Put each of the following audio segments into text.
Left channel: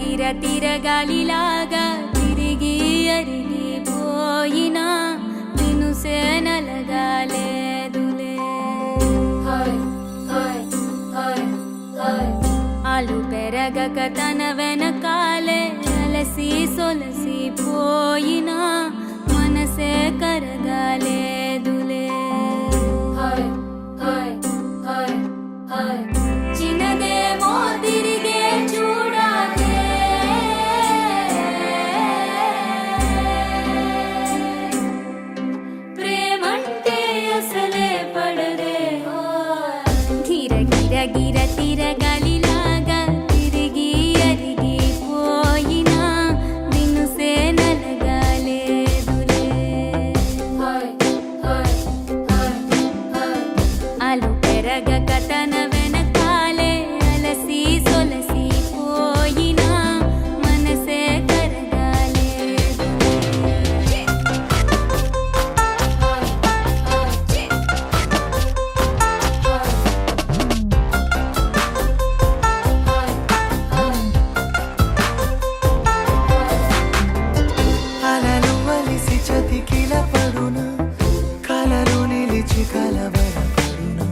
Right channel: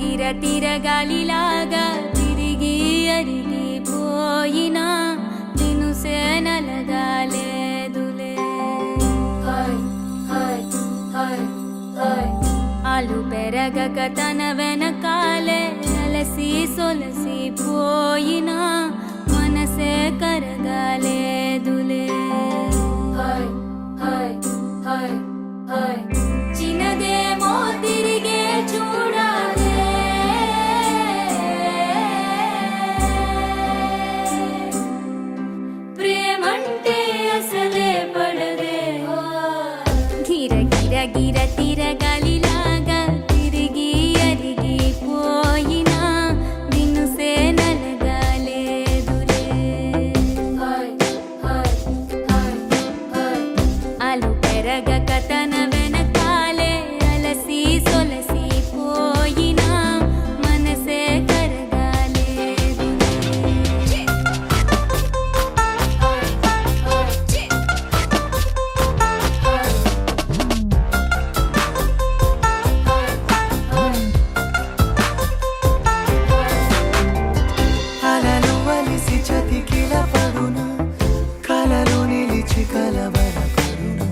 గిర తిరగాలిలాగా తిరిగి అరిగిపోయినా దినుసే నలగాలేదులే. ఆలు పెరగక తన వెనకాలే అలసి సొలసి పోయినా మనసే కరగాలేదులే. చిన్నదేమో తిరిగే చూడాదే, ప్రేమంటే అసలే పడదే. గిర గిర గిర తిరగాలిలాగా తిరిగి అరిగిపోయినా దినుసే నలగాలేదులే. ఆలు పెరగక తన వెనకాలే అలసి సొలసి పోయినా మనసే కరగాలేదులే. అలలు వలిసి చతికిల పడునా, కలలు నిలిచి కలవరపడునా,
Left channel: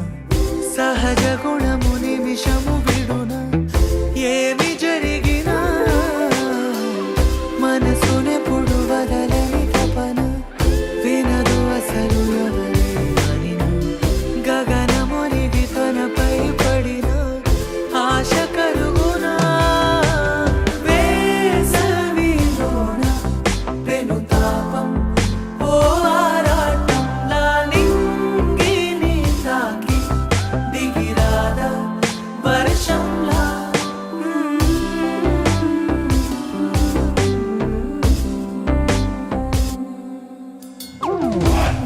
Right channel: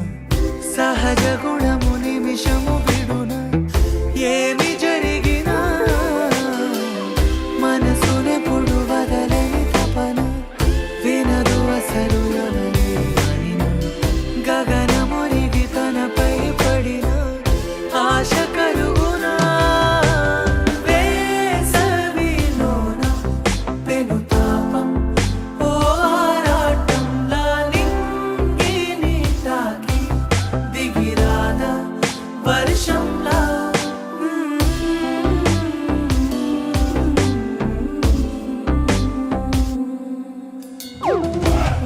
సహజ గుణము నిమిషము విడునా. ఏమి జరిగినా మనసునెప్పుడు వదలని తపన, వినదు అసలు ఎవరి అనినా. గగనమునిగి తనపై పడిన ఆశ కలుగునా. వేసవిలోన పెనుతాపం ఓ ఆరాటంలా నింగిని తాకి దిగిరాదా వర్షంలా.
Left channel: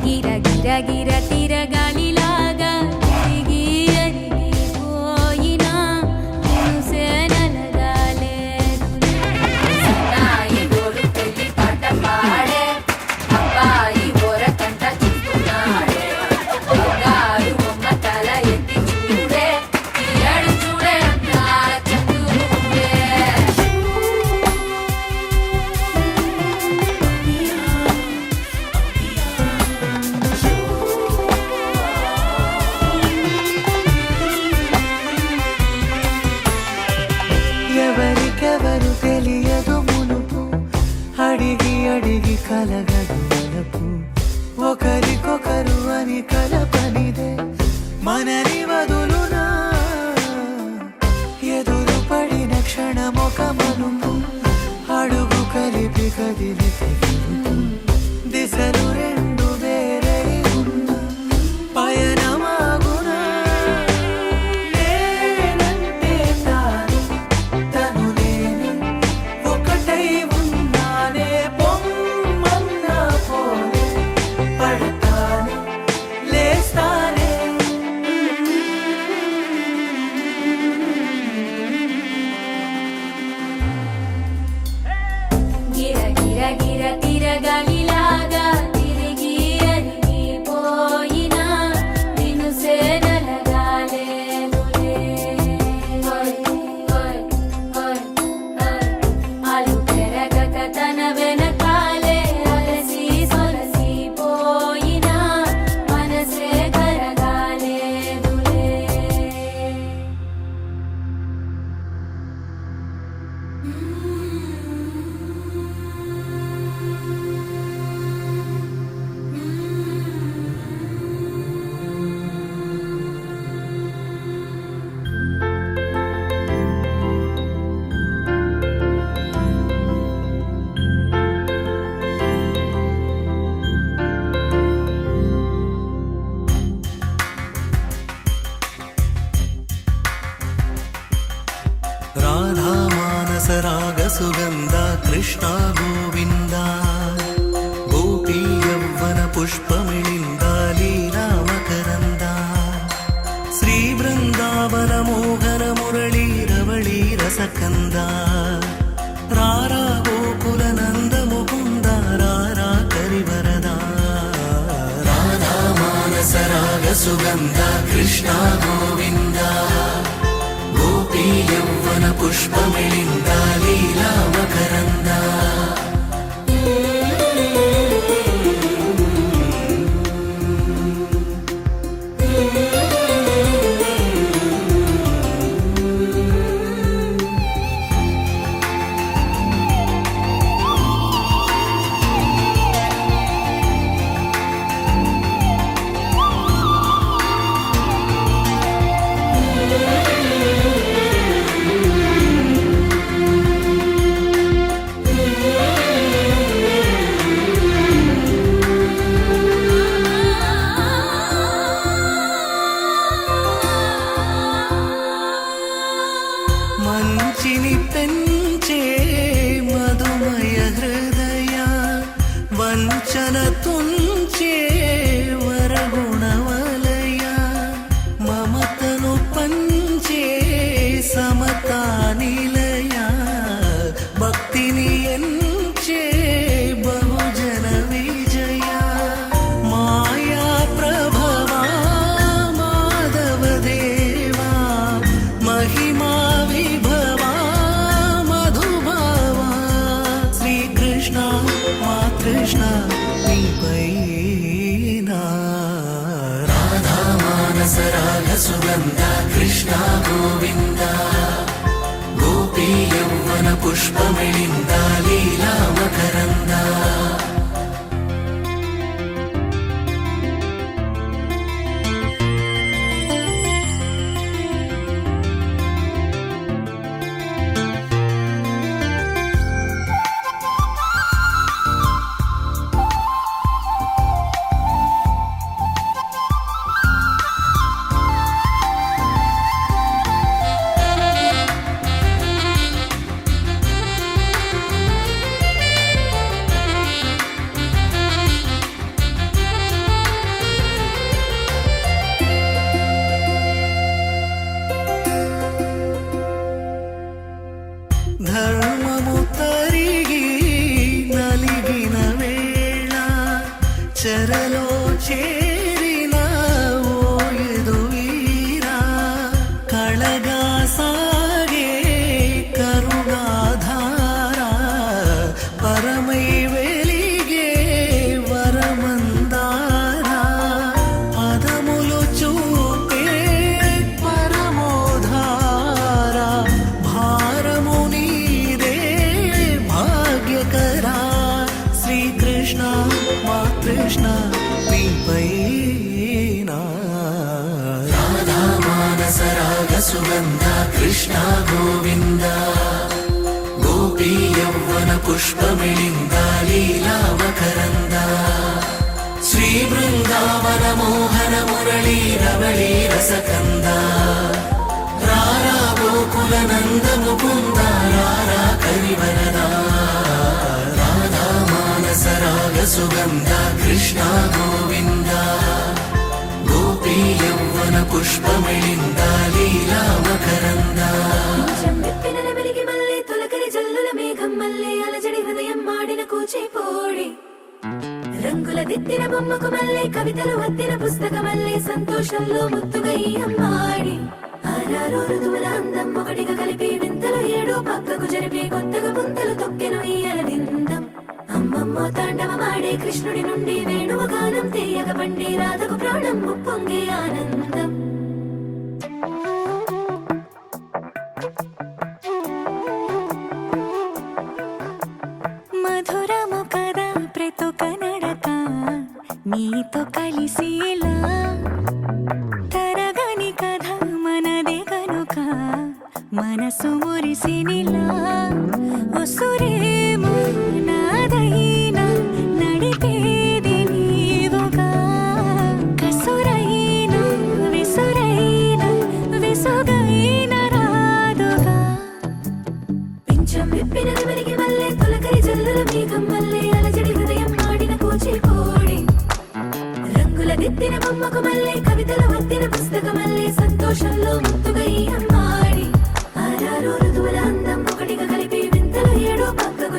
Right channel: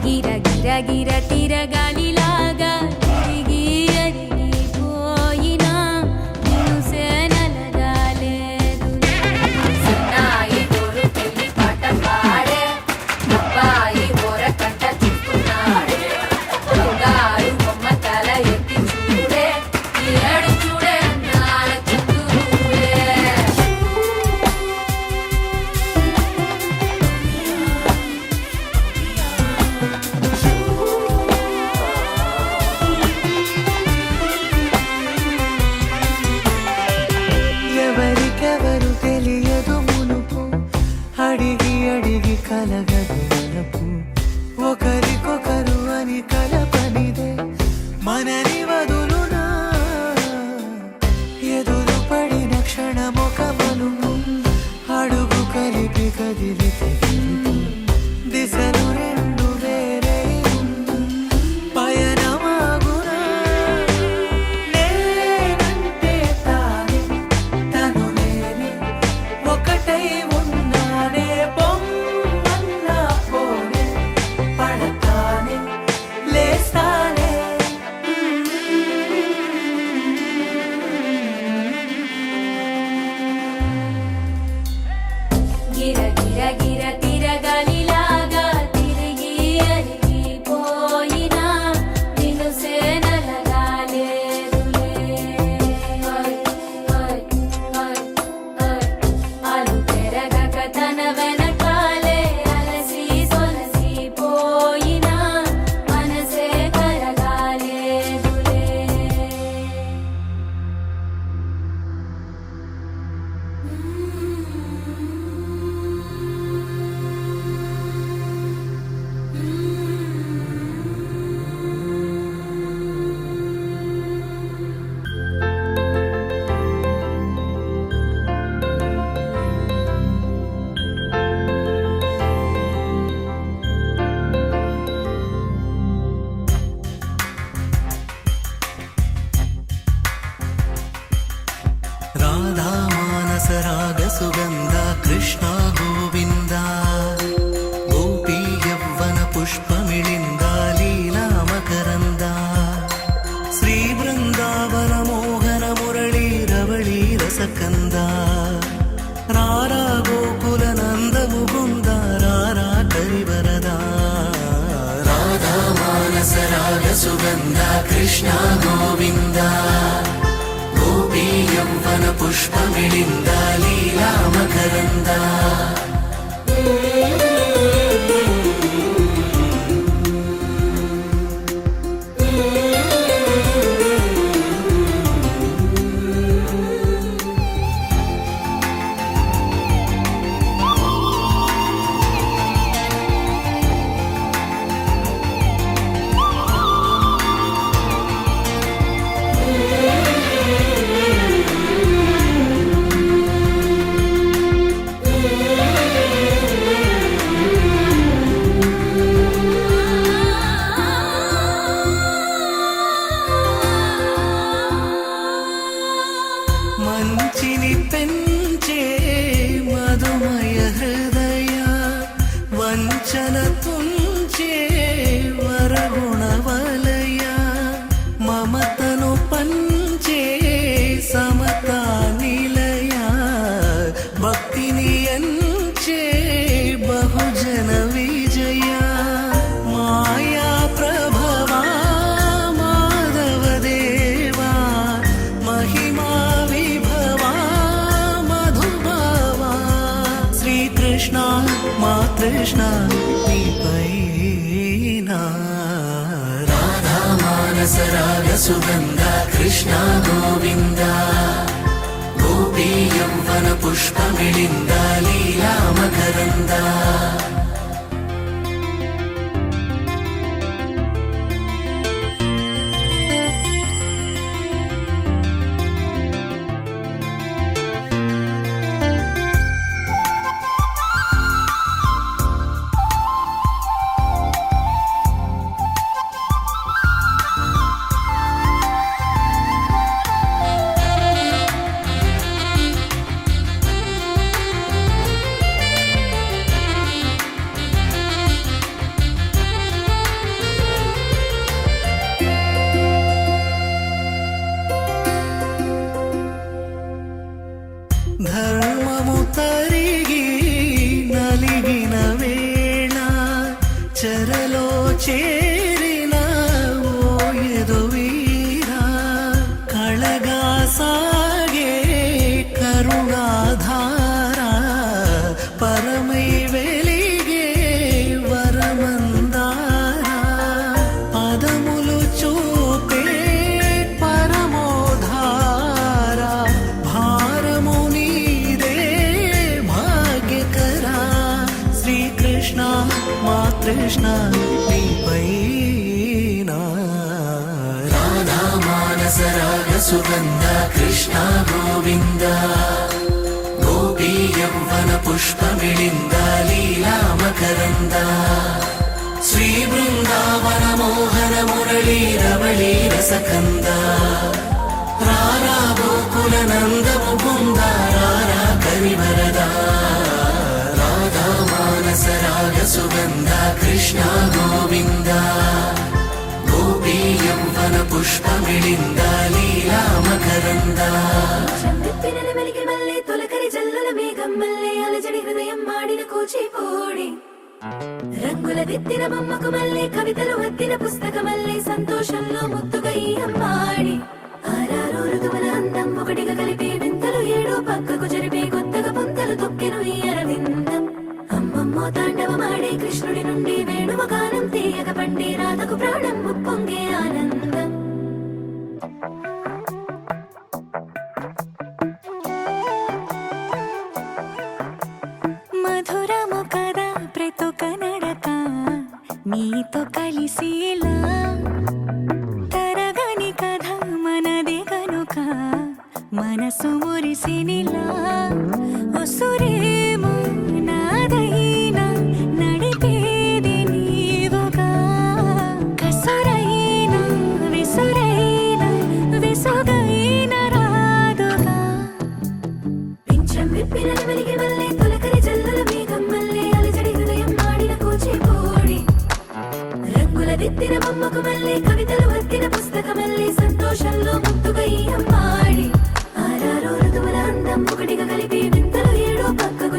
గిర గిర గిర తిరగాలిలాగా తిరిగి అరిగిపోయినా దినుసే నలగాలేదులే. ఎవరికెవరు తెలియదు మునుపు, అడిగి అడిగి కలగదు వలపు. ఒకరికొకరు అని కలపనిదే మనని వదులునా. ఎదురు పడిన క్షణమొక మలుపు, అడుగు కలిపి కదిలితే గెలుపు. దిశలు రెండు వేరే ఉన్న పయనమాగునా. నేనంటే తానే, తను నేనే, ఒకటై ఉన్నానే. బొమ్మన్నా పోనే, పడతానే, లేస్తానే. గిర గిర గిర తిరగాలిలాగా తిరిగి అరిగిపోయినా దినుసే నలగాలేదులే. ఆలు పెరగక తన వెనకాలే అలసి సొలసి పోయినా మనసే కరగాలేదులే. రాధా మానస రాగ సుగంధ కృష్ణ గోవింద, గోపీ యవ్వన పుష్పమిళింద లీలా మకరంద. శ్రీ బృందావన మోహన మురళీ రవళీ రసకంద. రారా గోకుల నంద ముకుంద రారా కరివరద. రాధా మానస రాగ సుగంధ కృష్ణ గోవింద, గోపీ యవ్వన పుష్పమిళింద లీలా లీలా మకరంద మంచిని పెంచే మధుమయ హృదయ వంచన తుంచే వరగుణవలయ మమతను పంచే సమతా నిలయ భక్తిని ఎంచే బహుజన విజయ మాయా ప్రభవా మాధవ దేవా మహిమా విభవా మధుభావా శ్రీకృష్ణ మా కృష్ణ నీపైనా రాధా మానస రాగ సుగంధ కృష్ణ గోవింద గోపీ యౌవన పుష్పమిళింద లీలా మకరంద ధర్మము తరిగి నలిగిన వేళ చెరలో చేరిన ఓయదు వీర కళగా సాగే కరుణాధార పరమై వెలిగే వరమందార పదములు చూపే పరమోధార భారము నీదే భాగ్యకరా శ్రీకృష్ణ మా కృష్ణ నీపైనా రాధా మానస రాగ సుగంధ కృష్ణ గోవింద గోపీ యౌవన పుష్పమిళింద లీలా మకరంద శ్రీ బృందావన మోహన మురళీ రవళీ రసకంద రారా గోకుల నందము బృంద రారా కరివరద రాధా మానస రాగ సుగంధ కృష్ణ గోవింద గోపీ యౌవన పుష్పమిళింద లీలా మకరంద చెంబెత్తినది వెలిగి మళ్ళీ తొలకరి జల్లుల మేఘం మళ్ళీ అలజడి హృదయం మాడిన కూచిపూడి రంగుల దిద్దిన బొమ్మకు మళ్ళీ కవితలు వద్దిన పుస్తకమల్లే సంతోషంలో ముద్దుగా ఈ అమ్మాడి ఆరారు ఋతువుల అందం ఒకటిగా కలిపి వింతలు ఏడు పక్కకు జరిపే కొత్తగా పుంతలు తొక్కెను ఈ అరవిందం అమ్మమ్మో తాండవమాడే కృష్ణుడి నుండి వేణువ గానం తీయగ పండి రాధకు ప్రాణం ఉప్పొంగే ఆనందం మధురము కదా ప్రతొక నడక నీతో కలిసేలా తరగని కథ మనదే కనుక మనసు మురిసినిలా ఉసురేమో నాదైనా నడిపేది నీవుగా కసురైనా విసురైనా విసుగైన రాదుగా పింఛం విప్పినది వెలిగి మళ్ళీ తొలకరి జల్లుల మేఘం మళ్ళీ అలజడి హృదయం మాడిన కూచిపూడి రంగుల దిద్దిన బొమ్మకు మళ్ళీ కవితలు వద్దిన పుస్తకమల్లే సంతోషంలో ముద్దుగా ఈ అమ్మాడి ఆరారు ఋతువుల అందం ఒకటిగా కలిపి వింతలు ఏడు పక్కకు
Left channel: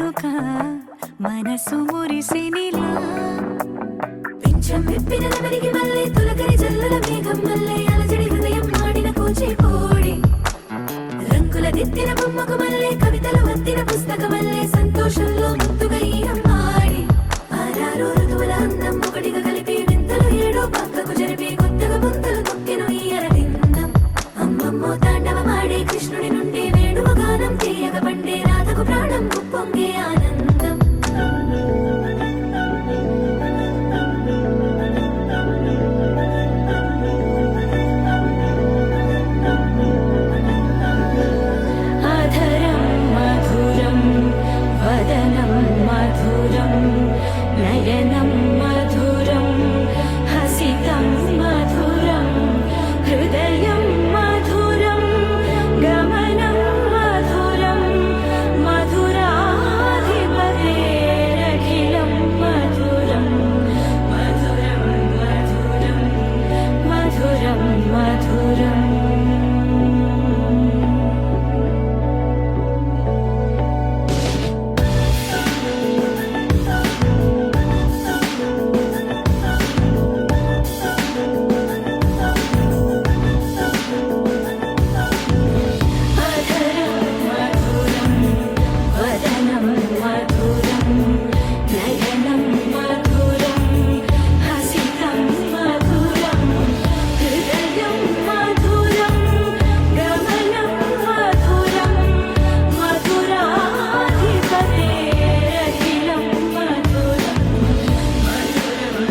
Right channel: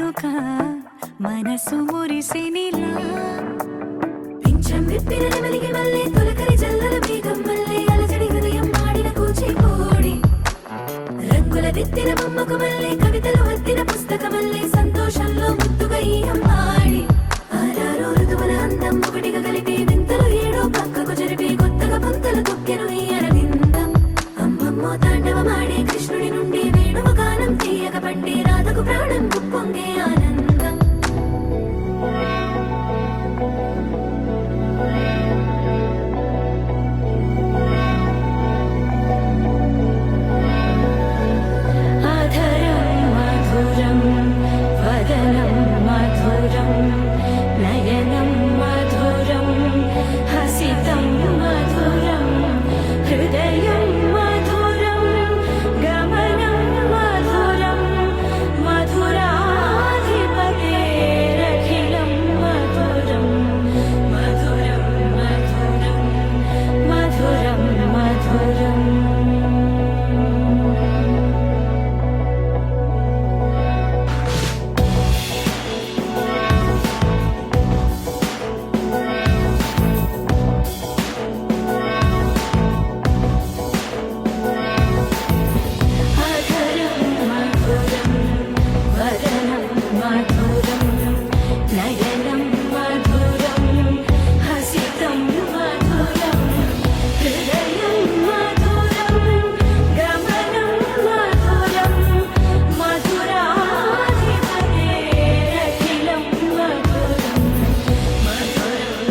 వేడుక మనసు మురిసినిలా పింఛం విప్పిన నెమలికి మళ్ళీ తొలకరి జల్లల మేఘం మళ్ళీ అలజడి హృదయం మాడిన కూచిపూడి రంగుల దిద్దిన బొమ్మకు మళ్ళీ కవితలు వత్తిన పుస్తకం మళ్ళీ సంతోషంలో ముద్దుగా ఈ అమ్మాడి ఆరారు ఋతువుల అందం ఒకటిగా కలిపి వింతలు ఏడో పక్కకు జరిపి కొత్తగా పుంతలు తొక్కెను ఈ అరవిందం అమ్మమ్మో తాండవమాడే కృష్ణుడి నుండి వేణువ గానం తీయగ పట్టే రాధకు ప్రాణం కుప్పొంగే ఆనందం అధరం మధురం వదనం మధురం నయనం మధురం హసితం మధురం హృదయం మధురం గమనం మధురం మధురాధిపతేరఖిలం మధురం మధురం మధురం మధురం మధురం అధరం మధురం వదనం మధురం నయనం మధురం హసితం మధురం హృదయం మధురం గమనం మధురం మధురాధిపతేరఖిలం మధురం మధురం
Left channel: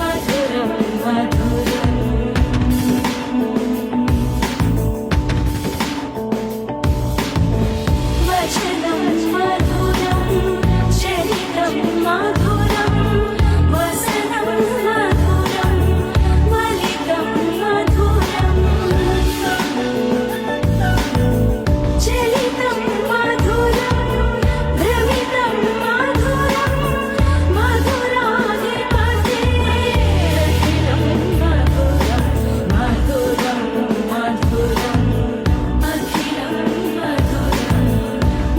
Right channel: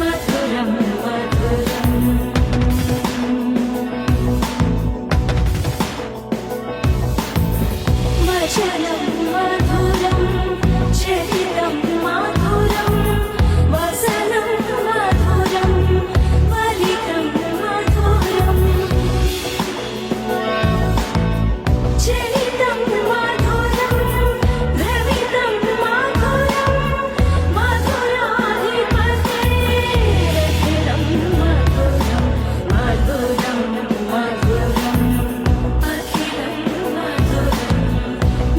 మధురం మధురం వచనం మధురం చరితం మధురం వసనం మధురం వలితం మధురం చరితం మధురం భ్రమితం మధురం మధురాధిపతేరఖిలం మధురం మధురం మధురం అఖిలం మధురం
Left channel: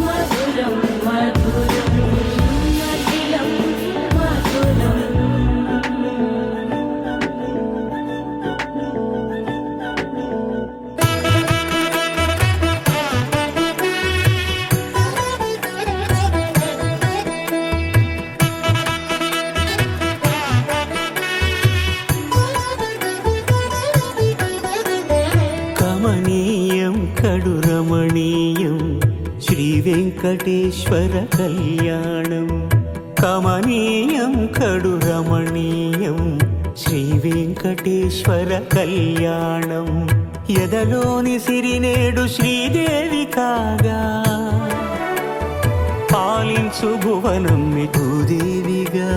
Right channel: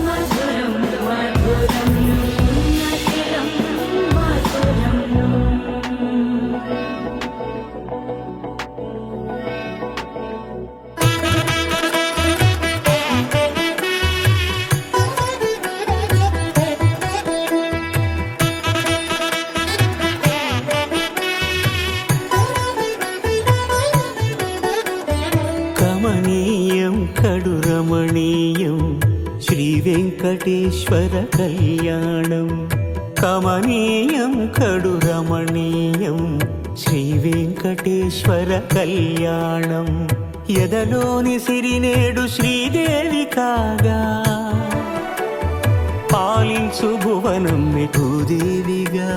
మధురం మధురం అఖిలం మధురం కమనీయం కడురమణీయం శ్రీ వెంకటేశ్వర కళ్యాణం కమనీయం కడురమణీయం శ్రీ వెంకటేశ్వర కళ్యాణం ఎదలోని సిరినేడు శ్రీదేవి కాగా పాలించు భువనం భూదేవిగా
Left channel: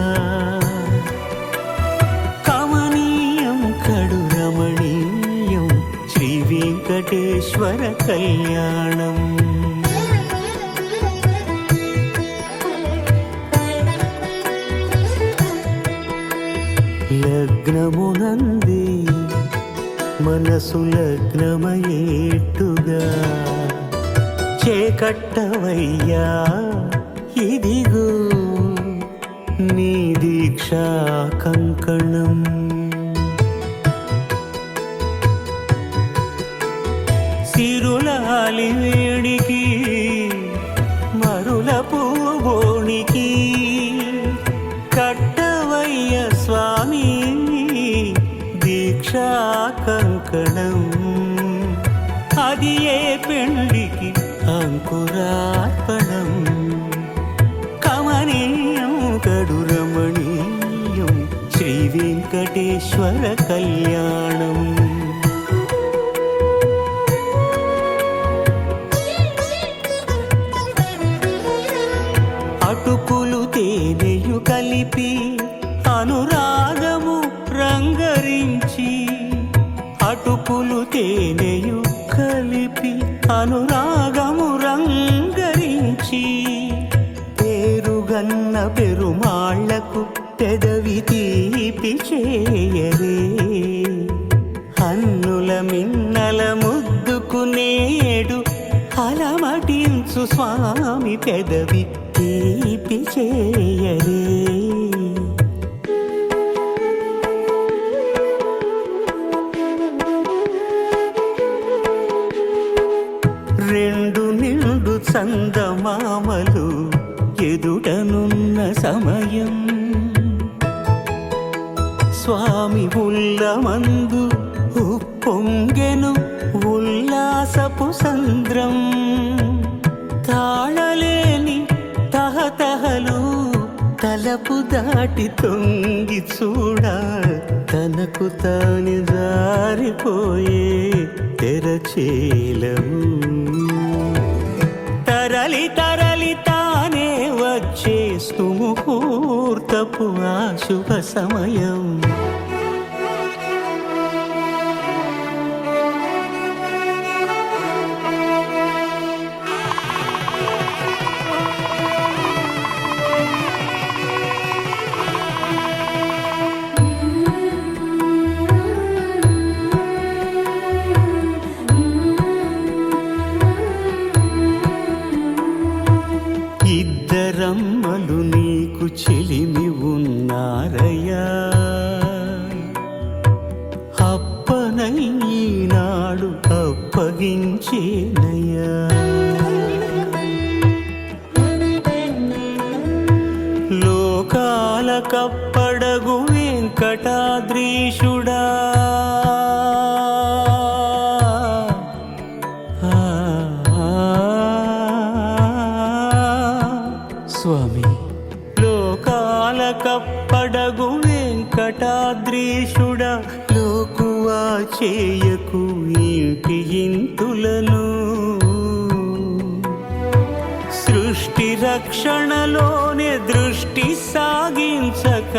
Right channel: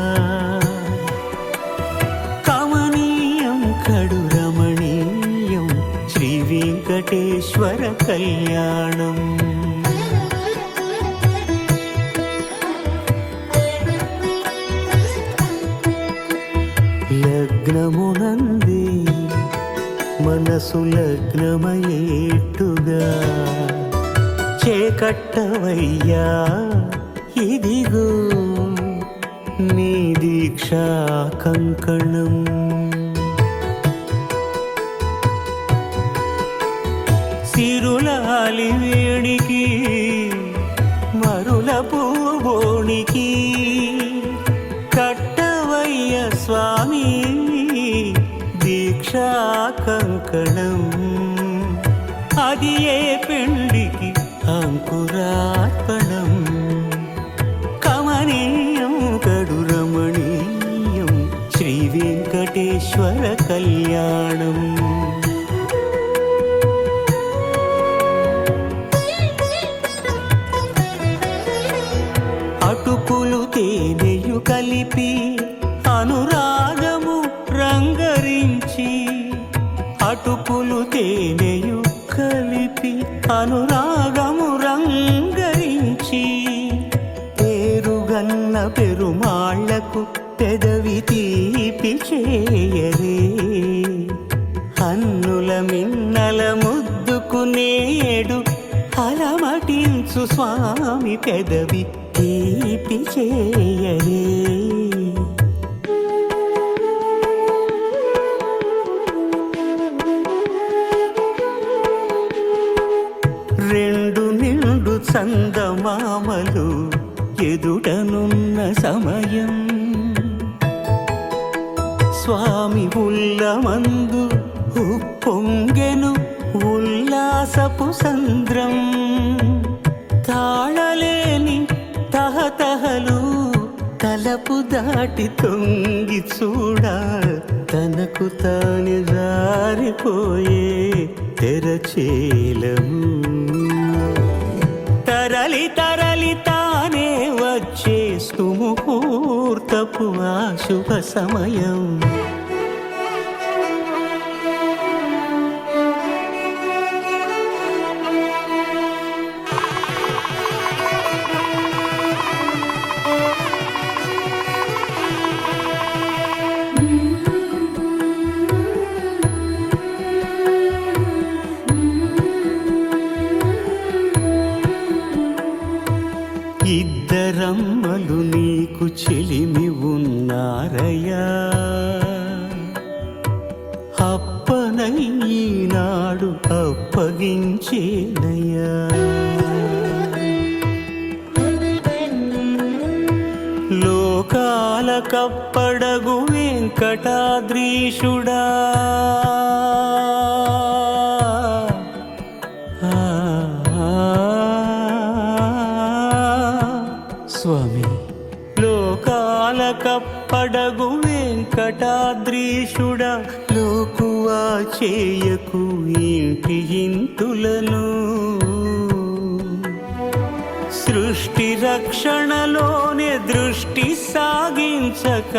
కమనీయం కడురమణీయం శ్రీ వెంకటేశ్వర కళ్యాణం లగ్నమునందే మనసు లగ్నమయేట్టుగా చేకట్టవయ్యా ఇదిగో నీ దీక్షా కంకణం సిరులాలి వేడికి మరుల పూబోనికి కట్టవయ్య స్వామి దీక్షా కంకణం అది ఏ పెండికి అంకురార్పణం కమనీయం కడురమణీయం శ్రీ వెంకటేశ్వర కళ్యాణం అటుకులు తేనెయు కలిపి అనురాగము రంగరించి అటుకులు తేనెయు కలిపి అనురాగము రంగరించి పేరుగన్న పెరుమాళ్లకు పెదవి తీపి చేయరే అన్నుల మిన్నల ముద్దుకు నేడు అలమటించు స్వామి పెదవి తీపి చేయరే. రెండు నిండు చందమామలు ఎదుటనున్న సమయం, స్వామి ఉల్లమందు ఉప్పొంగెను ఉల్లాసపు సంద్రం. తాళలేని తహతహలు తలపు దాటి తొంగి చూడ, తనకు తాని జారిపోయే తెరచేలము. తరలి తరలి తానే వచ్చే సుముహూర్తపు ఆ శుభ సమయం. ఇద్దరమ్మలు నీకు చెలిమి ఉన్నారయ్యా, అప్పనయ్యనాడు అప్పగించేనయ్యా. లోకాల కప్పడగు వెంకటాద్రీషుడా, స్వామి లోకాల కప్పడగు వెంకటాద్రీషుడా, లోకువా చేయకు ఇంటి ఇంతులను. సృష్టి రక్షణలోనే దృష్టి సాగించక,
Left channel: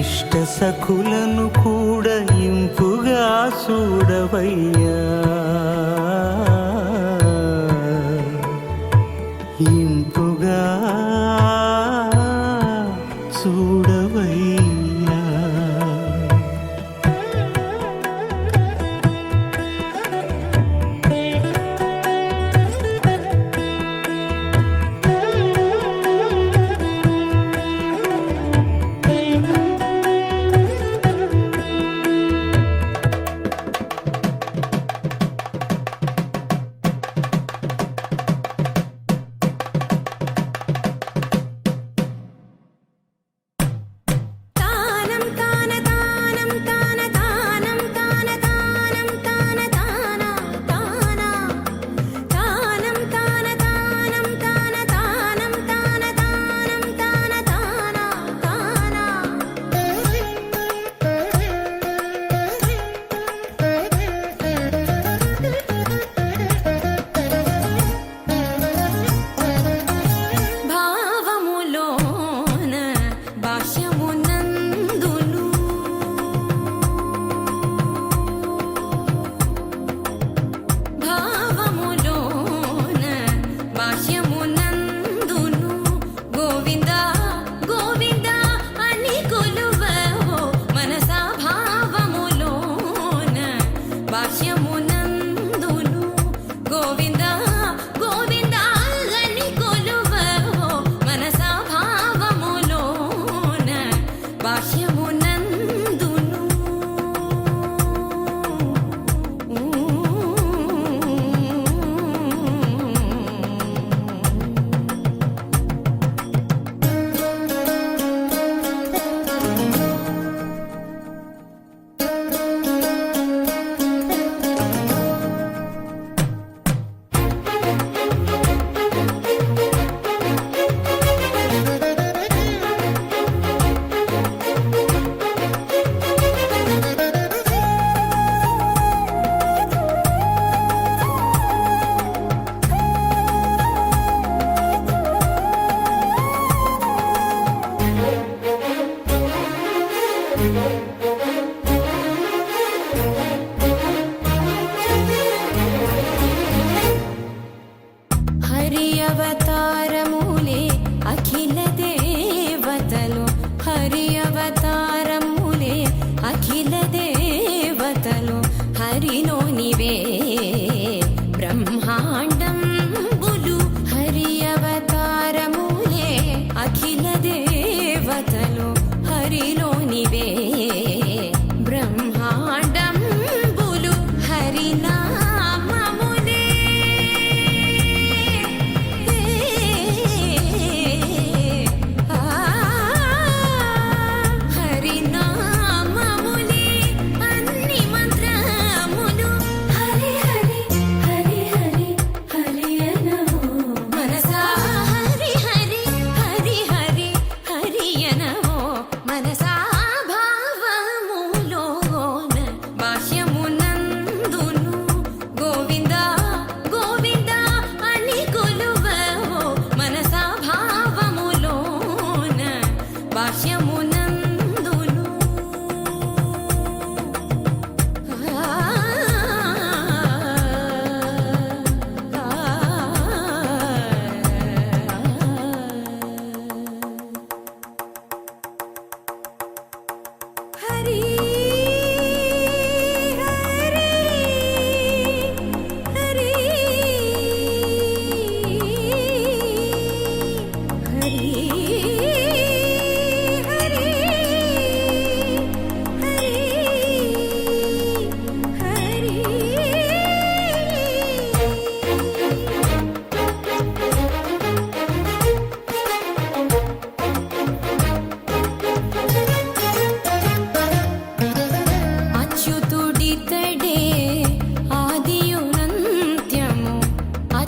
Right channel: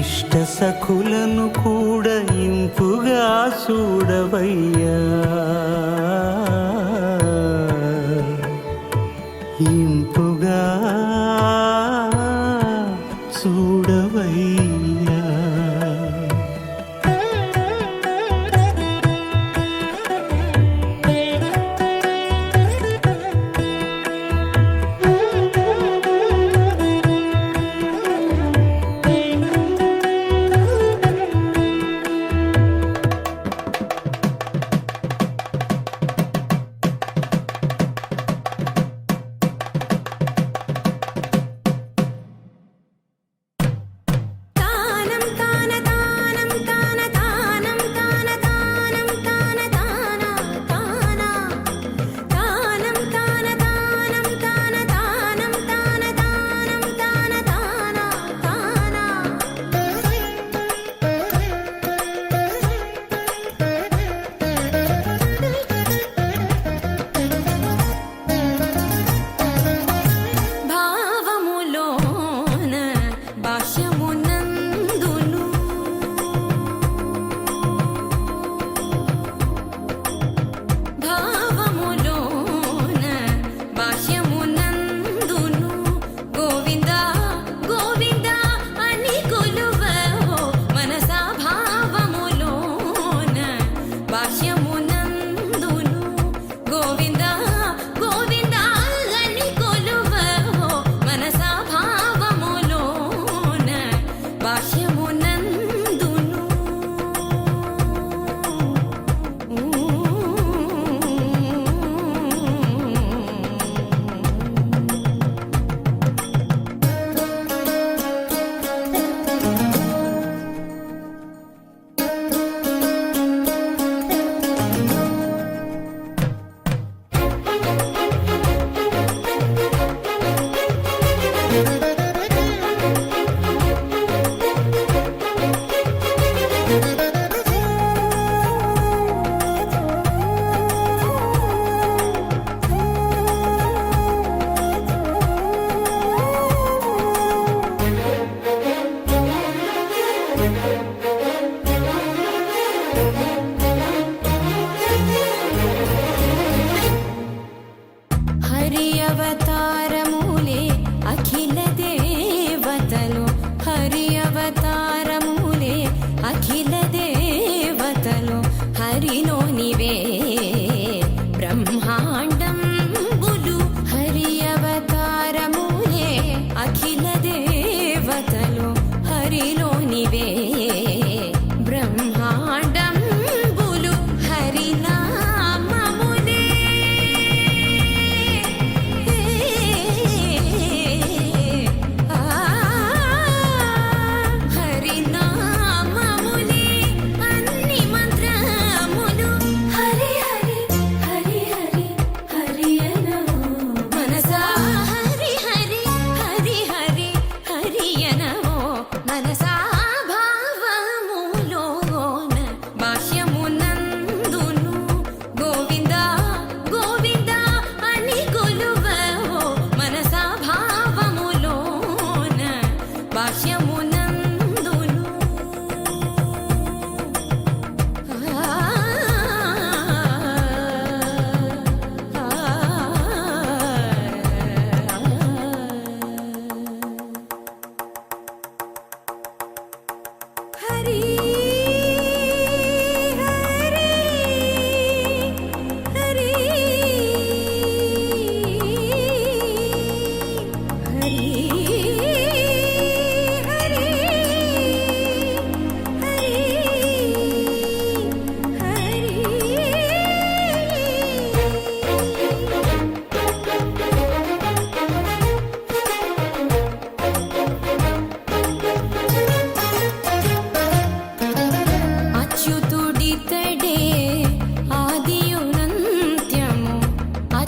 ఇష్ట సఖులను కూడా ఇంపుగా చూడవయ్యా, ఇంపుగా చూడవయ్యా.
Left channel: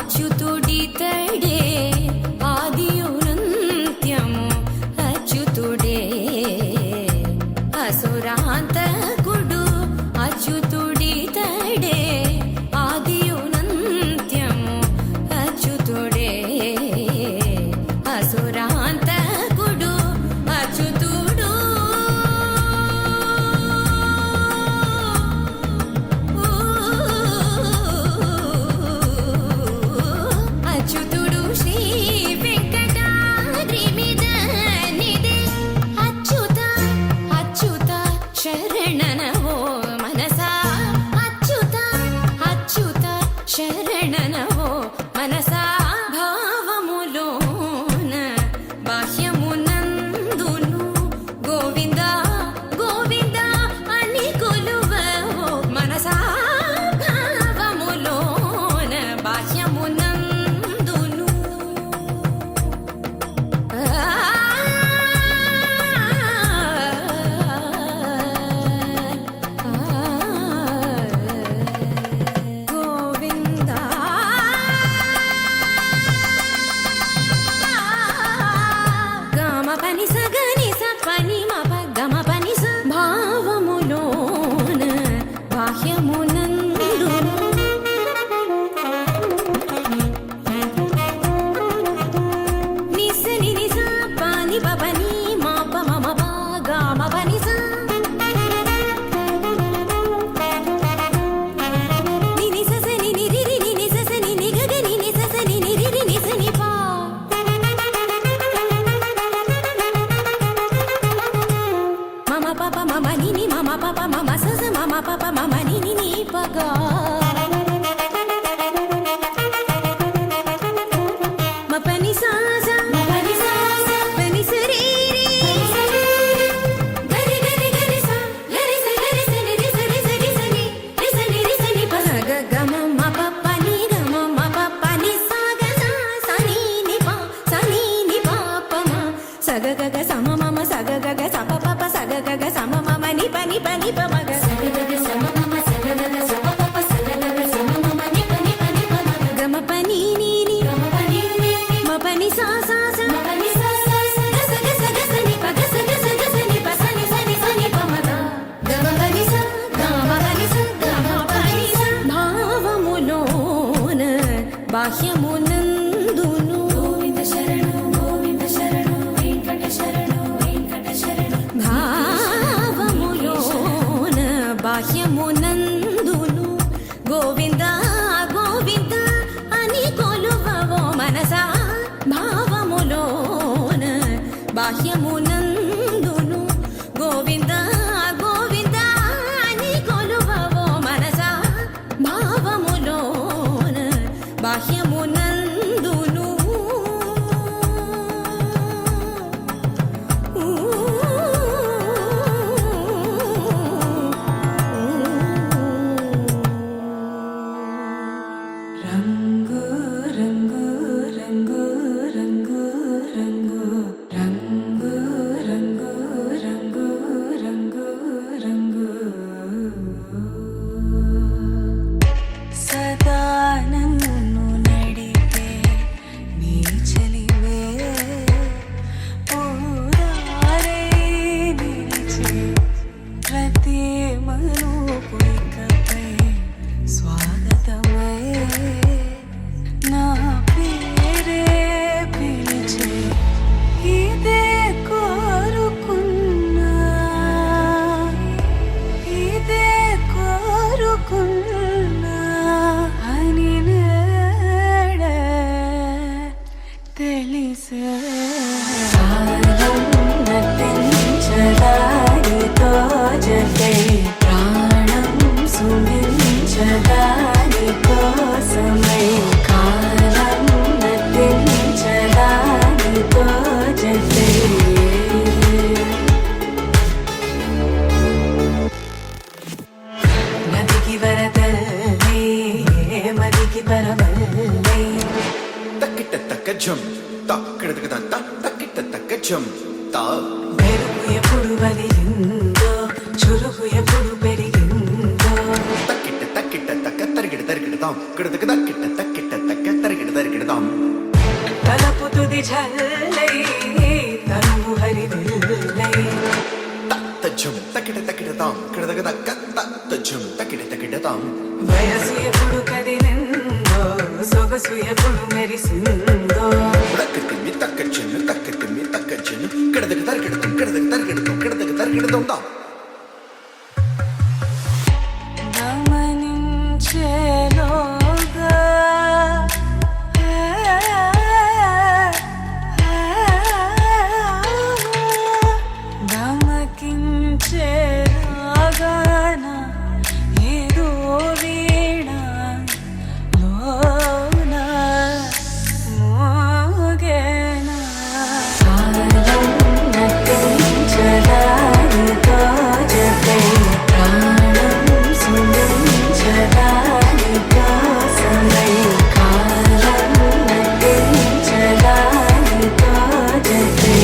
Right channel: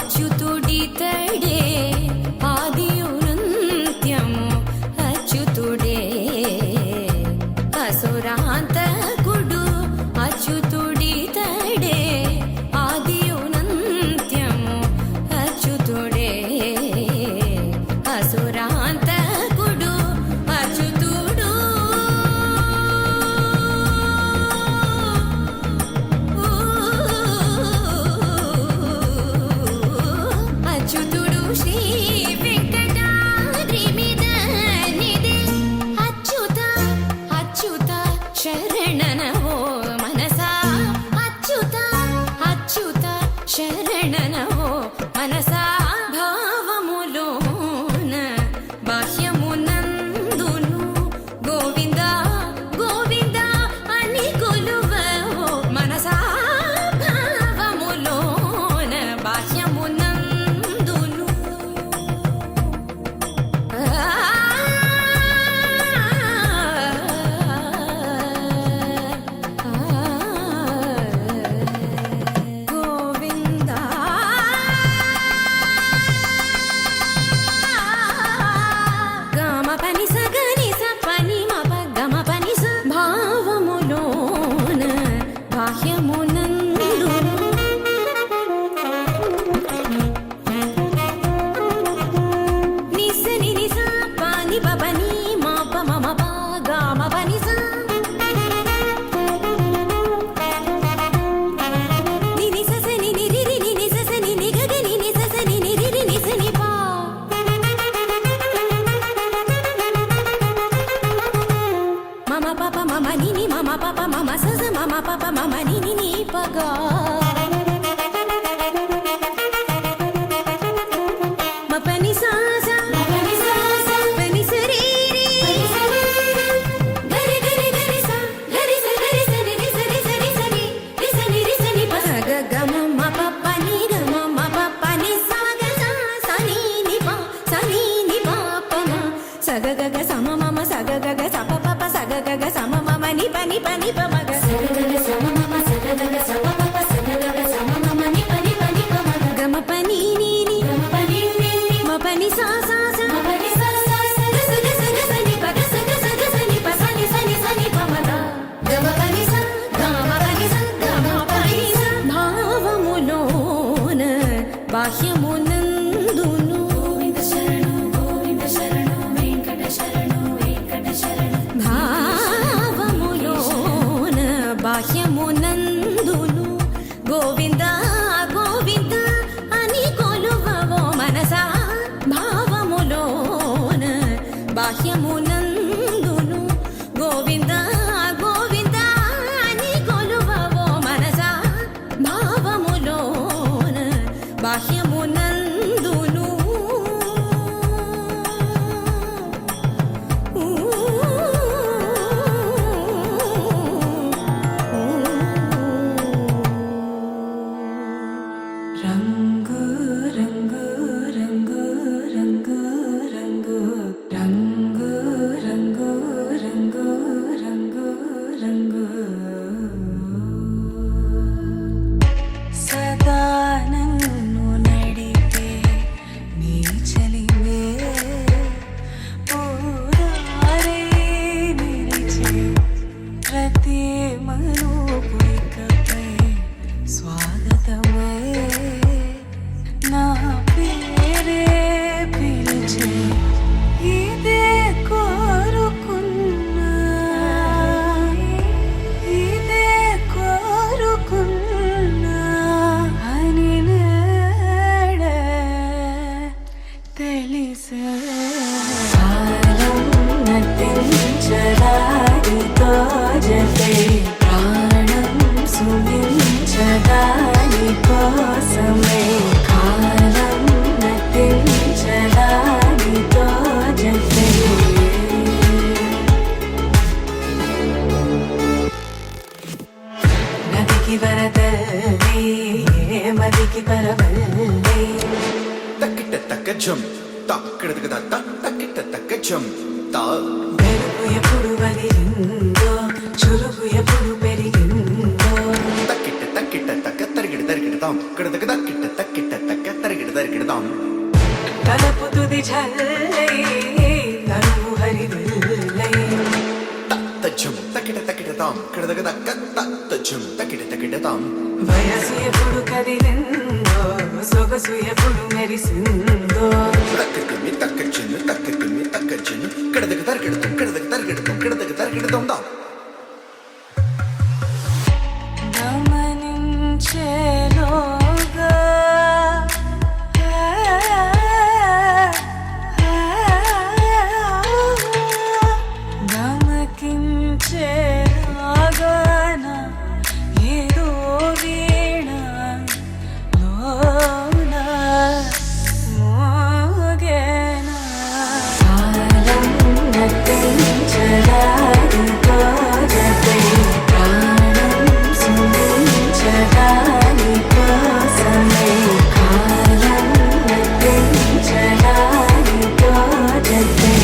అచ్యుతుడితడే ఆదియునంత్యము అచ్యుతుడే అసురాంతకుడు అచ్యుతుడితడే ఆదియునంత్యము అచ్యుతుడే అసురాంతకుడు అచ్యుతుడు అచ్యుతుడు శ్రీ వెంకటాద్రి మీద నిదే అచ్యుత అచ్యుత శరణనవో మనసా అచ్యుత అచ్యుత శరణనవో మనసా భావములోన బాహ్యమునందును గోవింద గోవింద అని కొలువవో మనసా భావములోన బాహ్యమునందును గోవింద గమ పని సగని స పని మప గమ పని స భావములోన బాహ్యమునందు నిస ని నిస పాని పని మాప మమ పా గమ పని స ని నిస స ని ని రి రి ని నిస స ని ని గ గ ని నిస స ని ని రి రి నిస ని పా మమ పాప మమ ని ని మమ పాప మమ స స మమ పాప మమ ని ని ని పగ మ పని సా స పని స రి రి గరి గరి గరి స గరి స ని రి స రి స రి స ని రి స ని రి స ని ప స గ గ మ మ ప ప ని గ మ మ ప ప ని స గ స స ని ని ప స ని ని ప ప మ స గ గ గ స మ మ మ స గ గ గ స ప ప ప స గ గ గ స మ మ మ ని ప ని ప ని ప మ గ స గ గ గ స మ మ మ స గ గ గ స ప ప ప స గ గ గ స మ మ మ ని ప ని ప ని ప మ గ గ మ ప ని ని ని మ ప ని సా సా స మ ప ని సా సా స గ స గ స గ స ని ప గ స గ స గ స ని ప స ని స ని స ని ప మ గ గ మ ప ని స గ మ ప ని స గ మ ప ని స భావములోన బాహ్యమునందును గోవింద శరణు వెంకట శరణు భావములోన బాహ్యమునందును గోవింద గోవింద అని కొలువవో మనసా భావములోన బాహ్యమునందును గోవింద గోవింద అని కొలువవో మనసా భావములోన బాహ్యమునందును రంగు రంగు రంగు రంగు రంగు రంగు రంగు రంగు రంగు రంగు సదా నన్ను నడిపే నీ చలివే పూరారే నిలిచే ప్రతి మలుపు ఇకపై స్వాగతమై నా పేరే పిలిచే ఇదే కోరుకున్నా ఇదే కోరుకున్నా అని నేడే తెలిసే కాలం నటించడానితో జతే ప్రాణం సుమించడాని కోసమై కాలం నటించడానితో జతే నదికి వరదల్లి మదికి పరవల్లి తక్కిట తక్క జం తక్కిట తక్క తక్కిట తక్క జం తా మెరుపు ఎప్పుడు వదిలిందో చురుకు ఎప్పుడు పెరిగిందో తక్కిట తక్కిట తక్క తరిగిడ తరిగిడతాం కిడదక దక్కిట్ట తక్కిట్ట తక్క తరిగిడ తరిగిడతాం తలపు తుది జల్లై తనువు హరివిల్లై తజ్జం తక్కిట తక్కిడతాం కిడదక దక్క తజ్జం తక్కిట తక్కిడతాం వయసు ఎప్పుడు కదిలిందో సొగసు ఎప్పుడు మెరిసిందో తక్కతిమ్మి తక్కచ్చెన్ను కిడదక తరిగిడతాం కిడదక తరిగిడతాం కిడదక తరిగిడతాం దా గమనించేలోగా గమకించేలాగాన ఏదో వీణ లోన మోగేనా కాలం నటించడానితో జతే ప్రాణం సుందించడాని కోసమై కాలం నటించడానితో జతే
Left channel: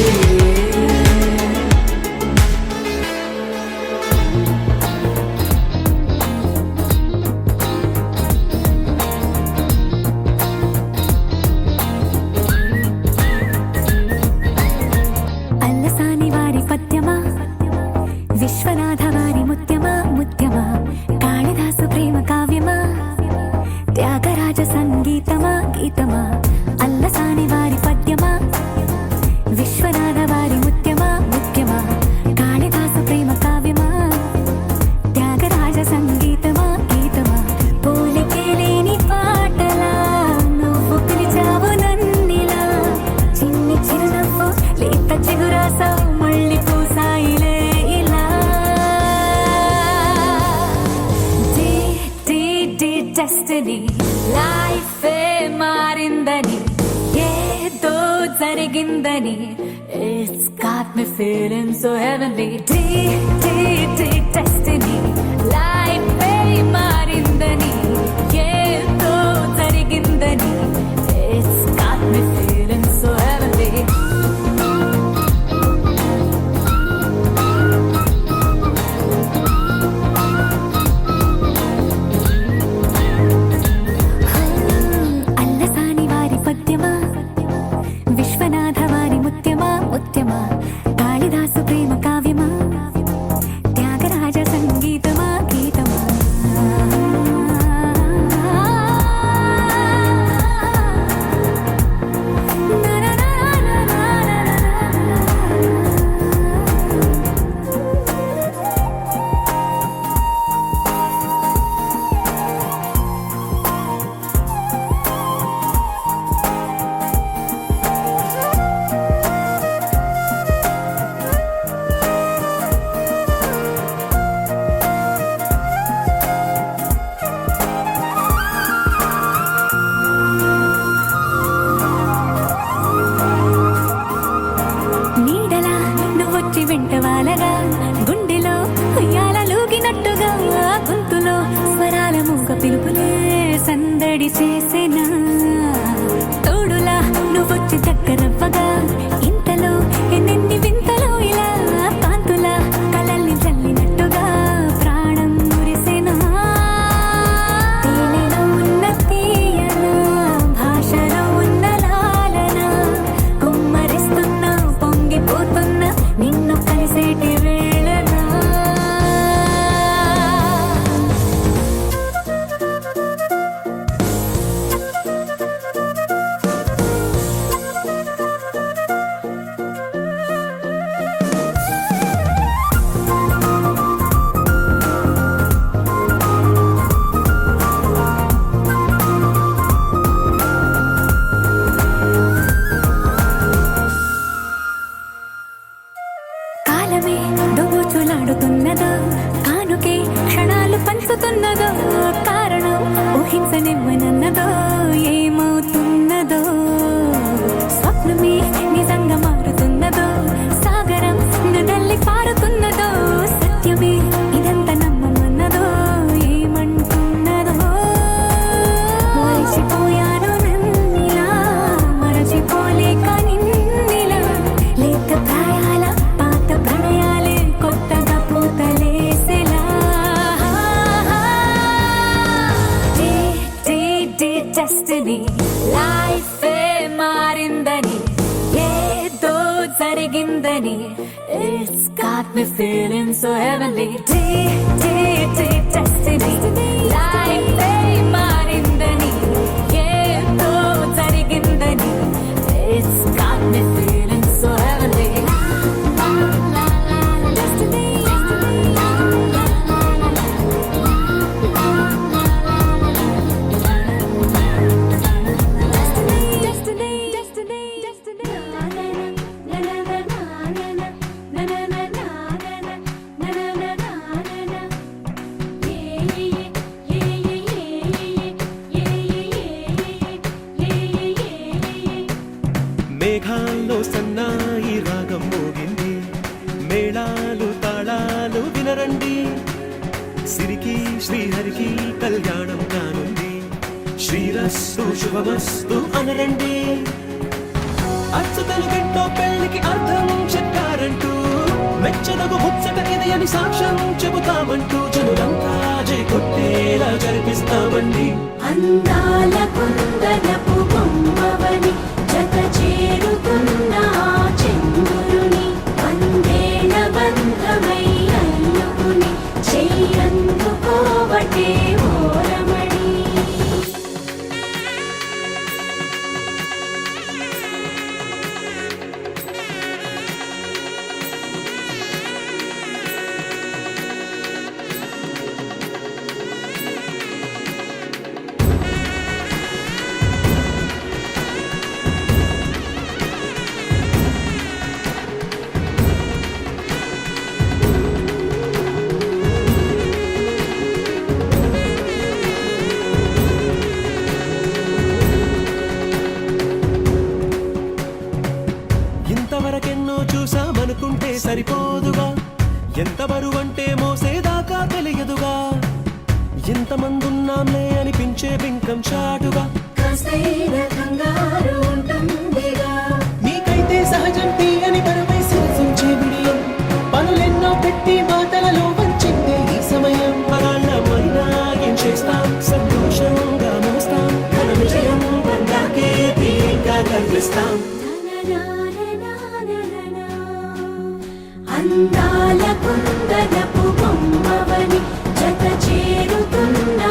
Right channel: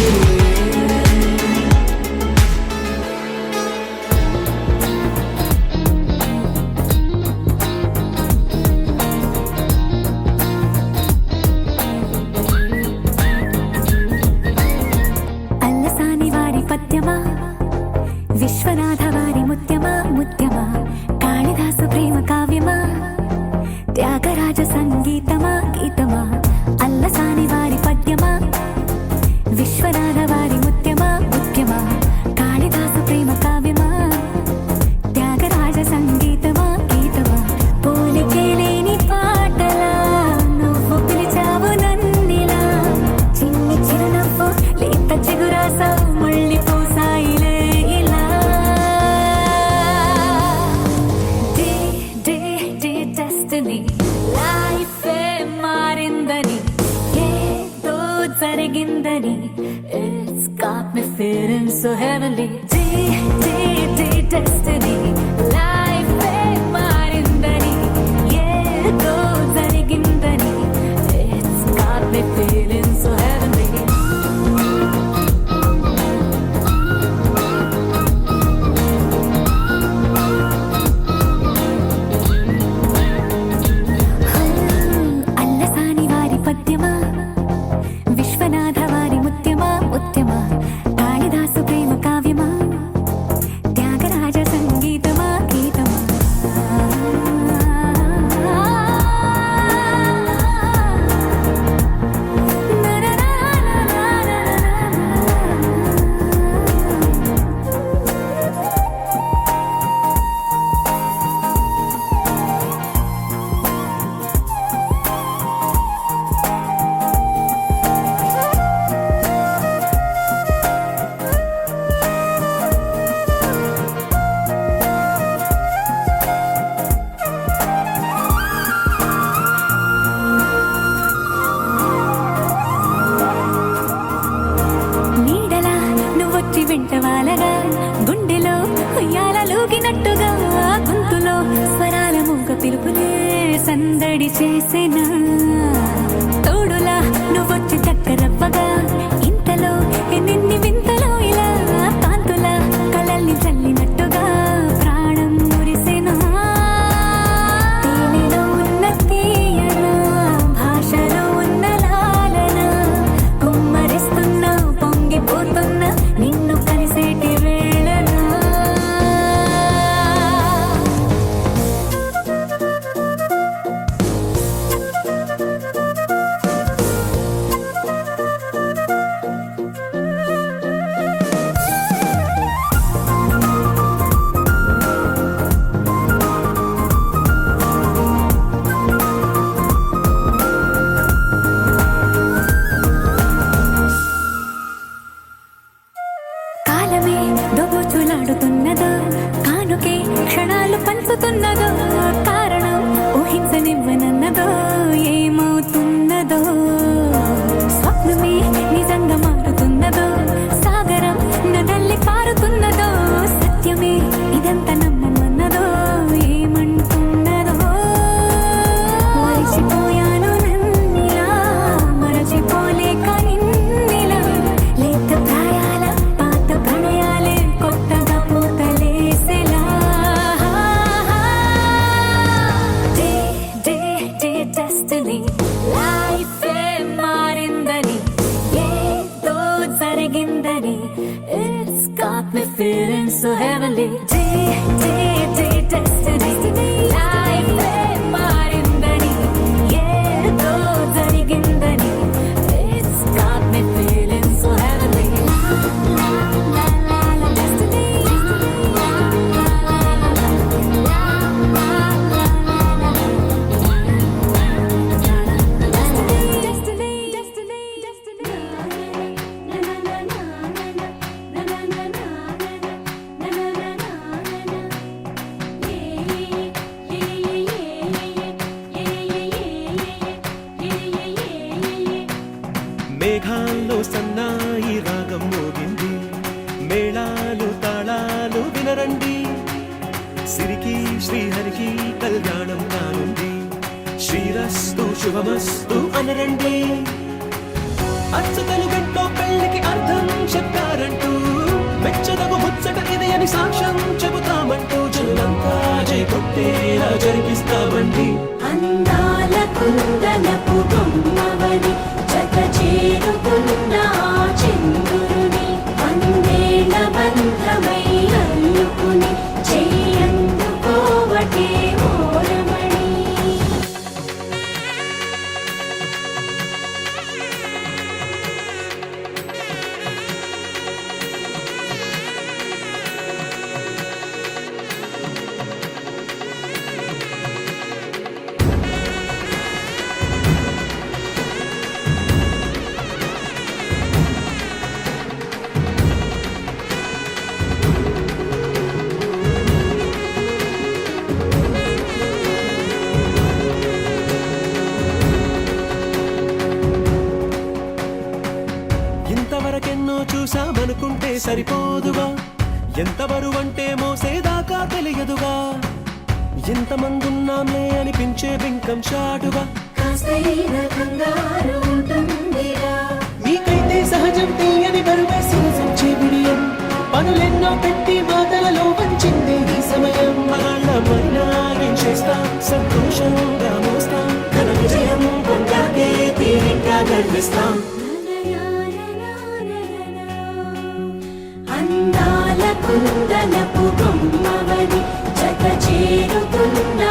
అల్లసాని వారి పద్యమా విశ్వనాథ వారి ముత్యమా ముత్యమా కాళిదాసు ప్రేమ కావ్యమా త్యాగరాజ సంగీతమా గీతమా అల్లసాని వారి పద్యమా విశ్వనాథ వారి ముత్యమా ముత్యమా కాళిదాసు ప్రేమ కావ్యమా త్యాగరాజ సంగీతమా గీతమా పోలికే లేని పాటలా నువ్వు పిలిచావు నన్నిలా చిన్ని చిరునవ్వు లేత చిగురాసావు మళ్ళీ పూసాయిలే ఇలా డెస్టినీ లైఫ్ మారిందని ఏదో జరిగిందని it's got me feeling so heavenly destiny life మారిందని ఏదో జరిగిందని it's got me feeling so heavenly Allasani వారి పద్యమా విశ్వనాథ వారి ముత్యమా ముత్యమా కాళిదాసు ప్రేమ కావ్యమా త్యాగరాజ సంగీతమా గీతమా నీడలా నువ్వొచ్చి వెంటవాలగా గుండెలో ఉయ్యాలూగినట్టుగా గొంతులో స్వరాల మూగ పిలుపులే సందడి చేసేనా తోడులా నువ్వొచ్చి దగ్గరవ్వగా ఇంతలో ఎన్నెన్ని వింతలో ఇలా కాంతుల కలల్ని చల్లినట్టుగా ప్రాణం మురిసేనా తేనెలో ఉన్న తీయన భాషలో ఉన్న లాలన కుమ్మరిస్తున్న పొంగిపోతున్న నిన్ను కలిసేటి వేళనా కాలమే దోబూచులాడుతున్నదో కానుకే క్షణాలు పంచుతున్నదో కారణం ఊహించనివ్వనన్నదో ఏమవుతున్నదో స్వప్నమే నిజంగా మారుతున్నదో సాగరం నదల్లి పారుతున్నదో సత్యమే ఇదంతా నమ్మమన్నదో ఏమంటున్నదో మరిచిపోయాను నన్నిలా మరచిపోలేక నిన్నిలా లేత ప్రాయాల పాత ప్రణయాలే కొత్తగా పూతలేసెలా లైఫ్ మారిందని ఏదో జరిగిందని it's got me feeling so heavenly destiny life మారిందని ఏదో జరిగిందని it's got me feeling so heavenly మేఘాల్లో సన్నాయి రాగం మోగింది, మేళాలు తాళాలు వినరండి, సిరికి శ్రీహరికి కళ్యాణం కానుంది, శ్రీరస్తు శుభమస్తు అనరండి. అచ్చతలు గంటో పెళ్లికి అర్థం చెప్పారంటూ, మెచ్చదగు ముచ్చట ఇది అని సాక్ష్యం చెబుతామంటూ, జనులంతా జై కొట్టేలా జరిపిస్తామండి. అందాల కుందనపు బొమ్మవని జత చేరుతున్న చంద్రుని వందేల బంధమై అల్లుకుని చెయ్యందుకోవటే ఓరమణి. ఇంతవరకెన్నో చూసామనుకుంటే సరిపోదుగా, ఎంత బరువంటే మోసేదాకా తెలియదుగా, ఇంతమందున్నాంలే అనిపించే బింకం చాటుగా, కాస్తైన కంగారు ఉంటుందిగా, మీకైతే సహజం తీయని బరువై సిరిసించే బిడియం, పనులెన్నో పెట్టి మాటలలో వంచిందే ఈ సమయం. మనాళ్ళమైనా చేస్తాం, సంతోషంగా మోస్తాం, ఘన విజయం పొందాకే తీరిగ్గా కనిపిస్తాం. అందాల కుందనపు బొమ్మవని జత చేరుతున్న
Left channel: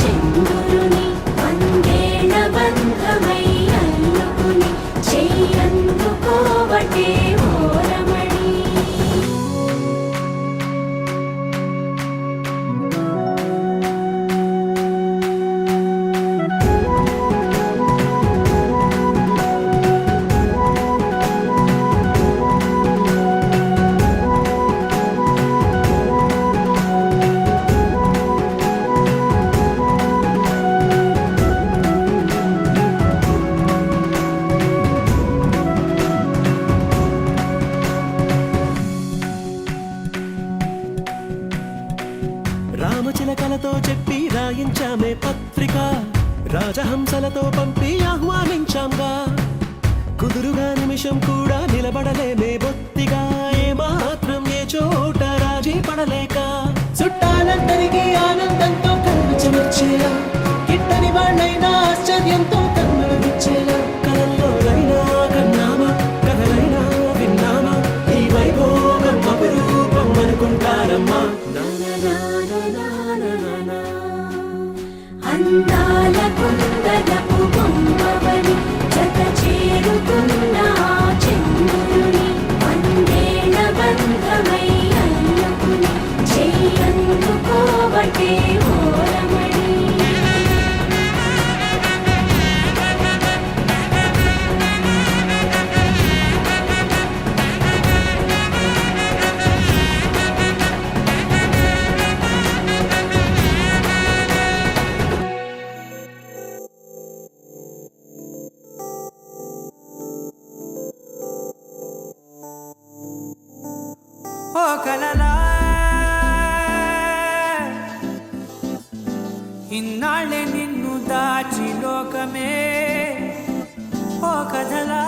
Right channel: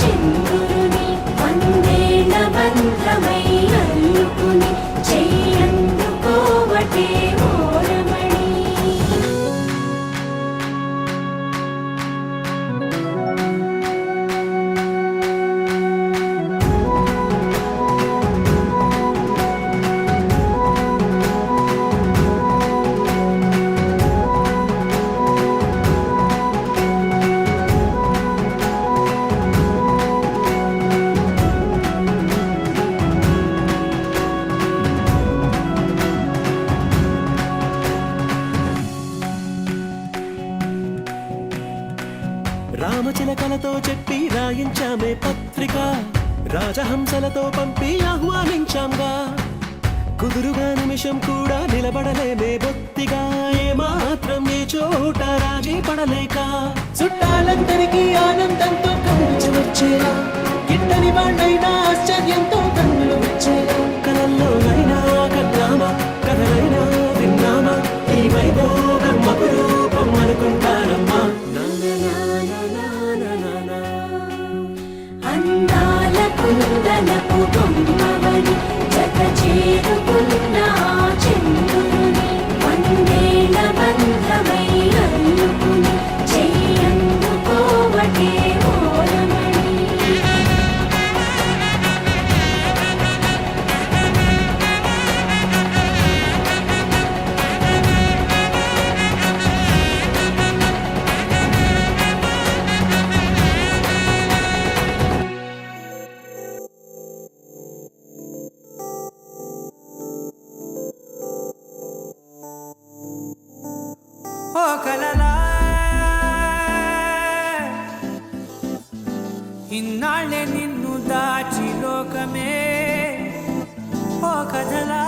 చంద్రుని వందేల బంధమై అల్లుకుని చెయ్యందుకోవటే ఓరమణి. రామచిలకలతో చెప్పి రాయించామే పత్రిక, రాజహంసలతో పంపి ఆహ్వానించాంగా, కుదురుగా నిమిషం కూడా నిలబడలేమే బొత్తిగా, ఏమాత్రం ఏ చోట రాజీ పడలేక, చుట్టాలందరికీ ఆనందంతో కళ్ళు చెమర్చేలా, గిట్టని వాళ్ళైనా ఆశ్చర్యంతో కన్నులు విచ్చేలా, కలల్లోనైనా కన్నామా కథలైనా విన్నామా, ఈ వైభోగం అపురూపం అనుకుంటానమ్మా. అందాల కుందనపు బొమ్మవని జత చేరుతున్న చంద్రుని వందేల బంధమై అల్లుకుని చెయ్యందుకోవటే ఓరమణి. ఓ కలలా ఇన్నాళ్ళే నిన్ను దాచి లోకమే, ఓ కథలా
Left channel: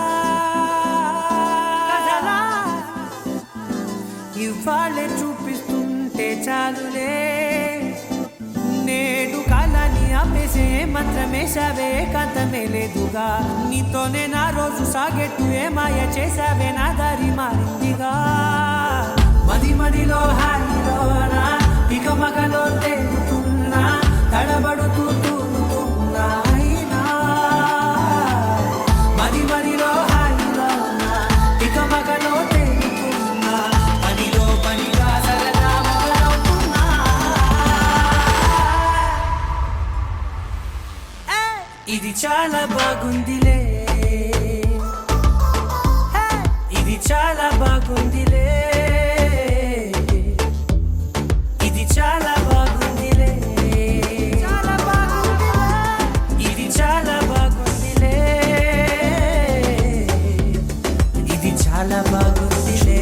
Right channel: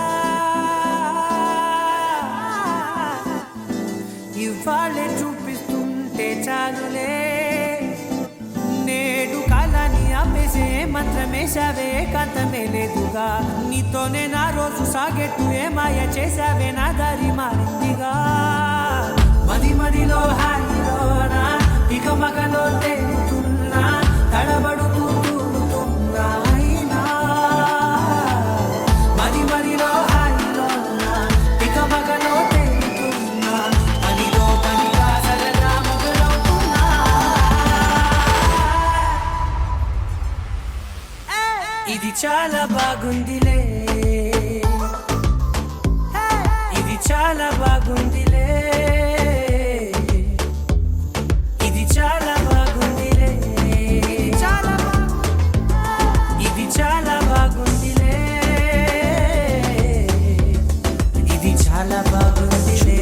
ఇవాళ్ళే చూపిస్తుంటే చాలులే, నేడు కాలాన్ని ఆపేసి మనసే మంత్రమేశావే కాంతమే లేదుగా నీతోనే నా రోజు సాగెట్టు ఏ మాయ చేశావే నా దారి మారిందిగా మది మదిలో హాయిలోనా ఇక మగలో తేలుతున్నా తడబడుతూ తూలుతున్నా అయినా మది మదిలో హాయిలోనా ఇక మగలో తేలుతున్నా పనిలో పనిగా సరదా మొదలవుతున్నా ఇది చాలా బాగుందిలే ఇది చాలా బాగుందిలే ఇది చాలా బాగుందిలే చాలా బాగుందిలే ఇది చాలా బాగుందిలే ఇది చాలా బాగుందిలే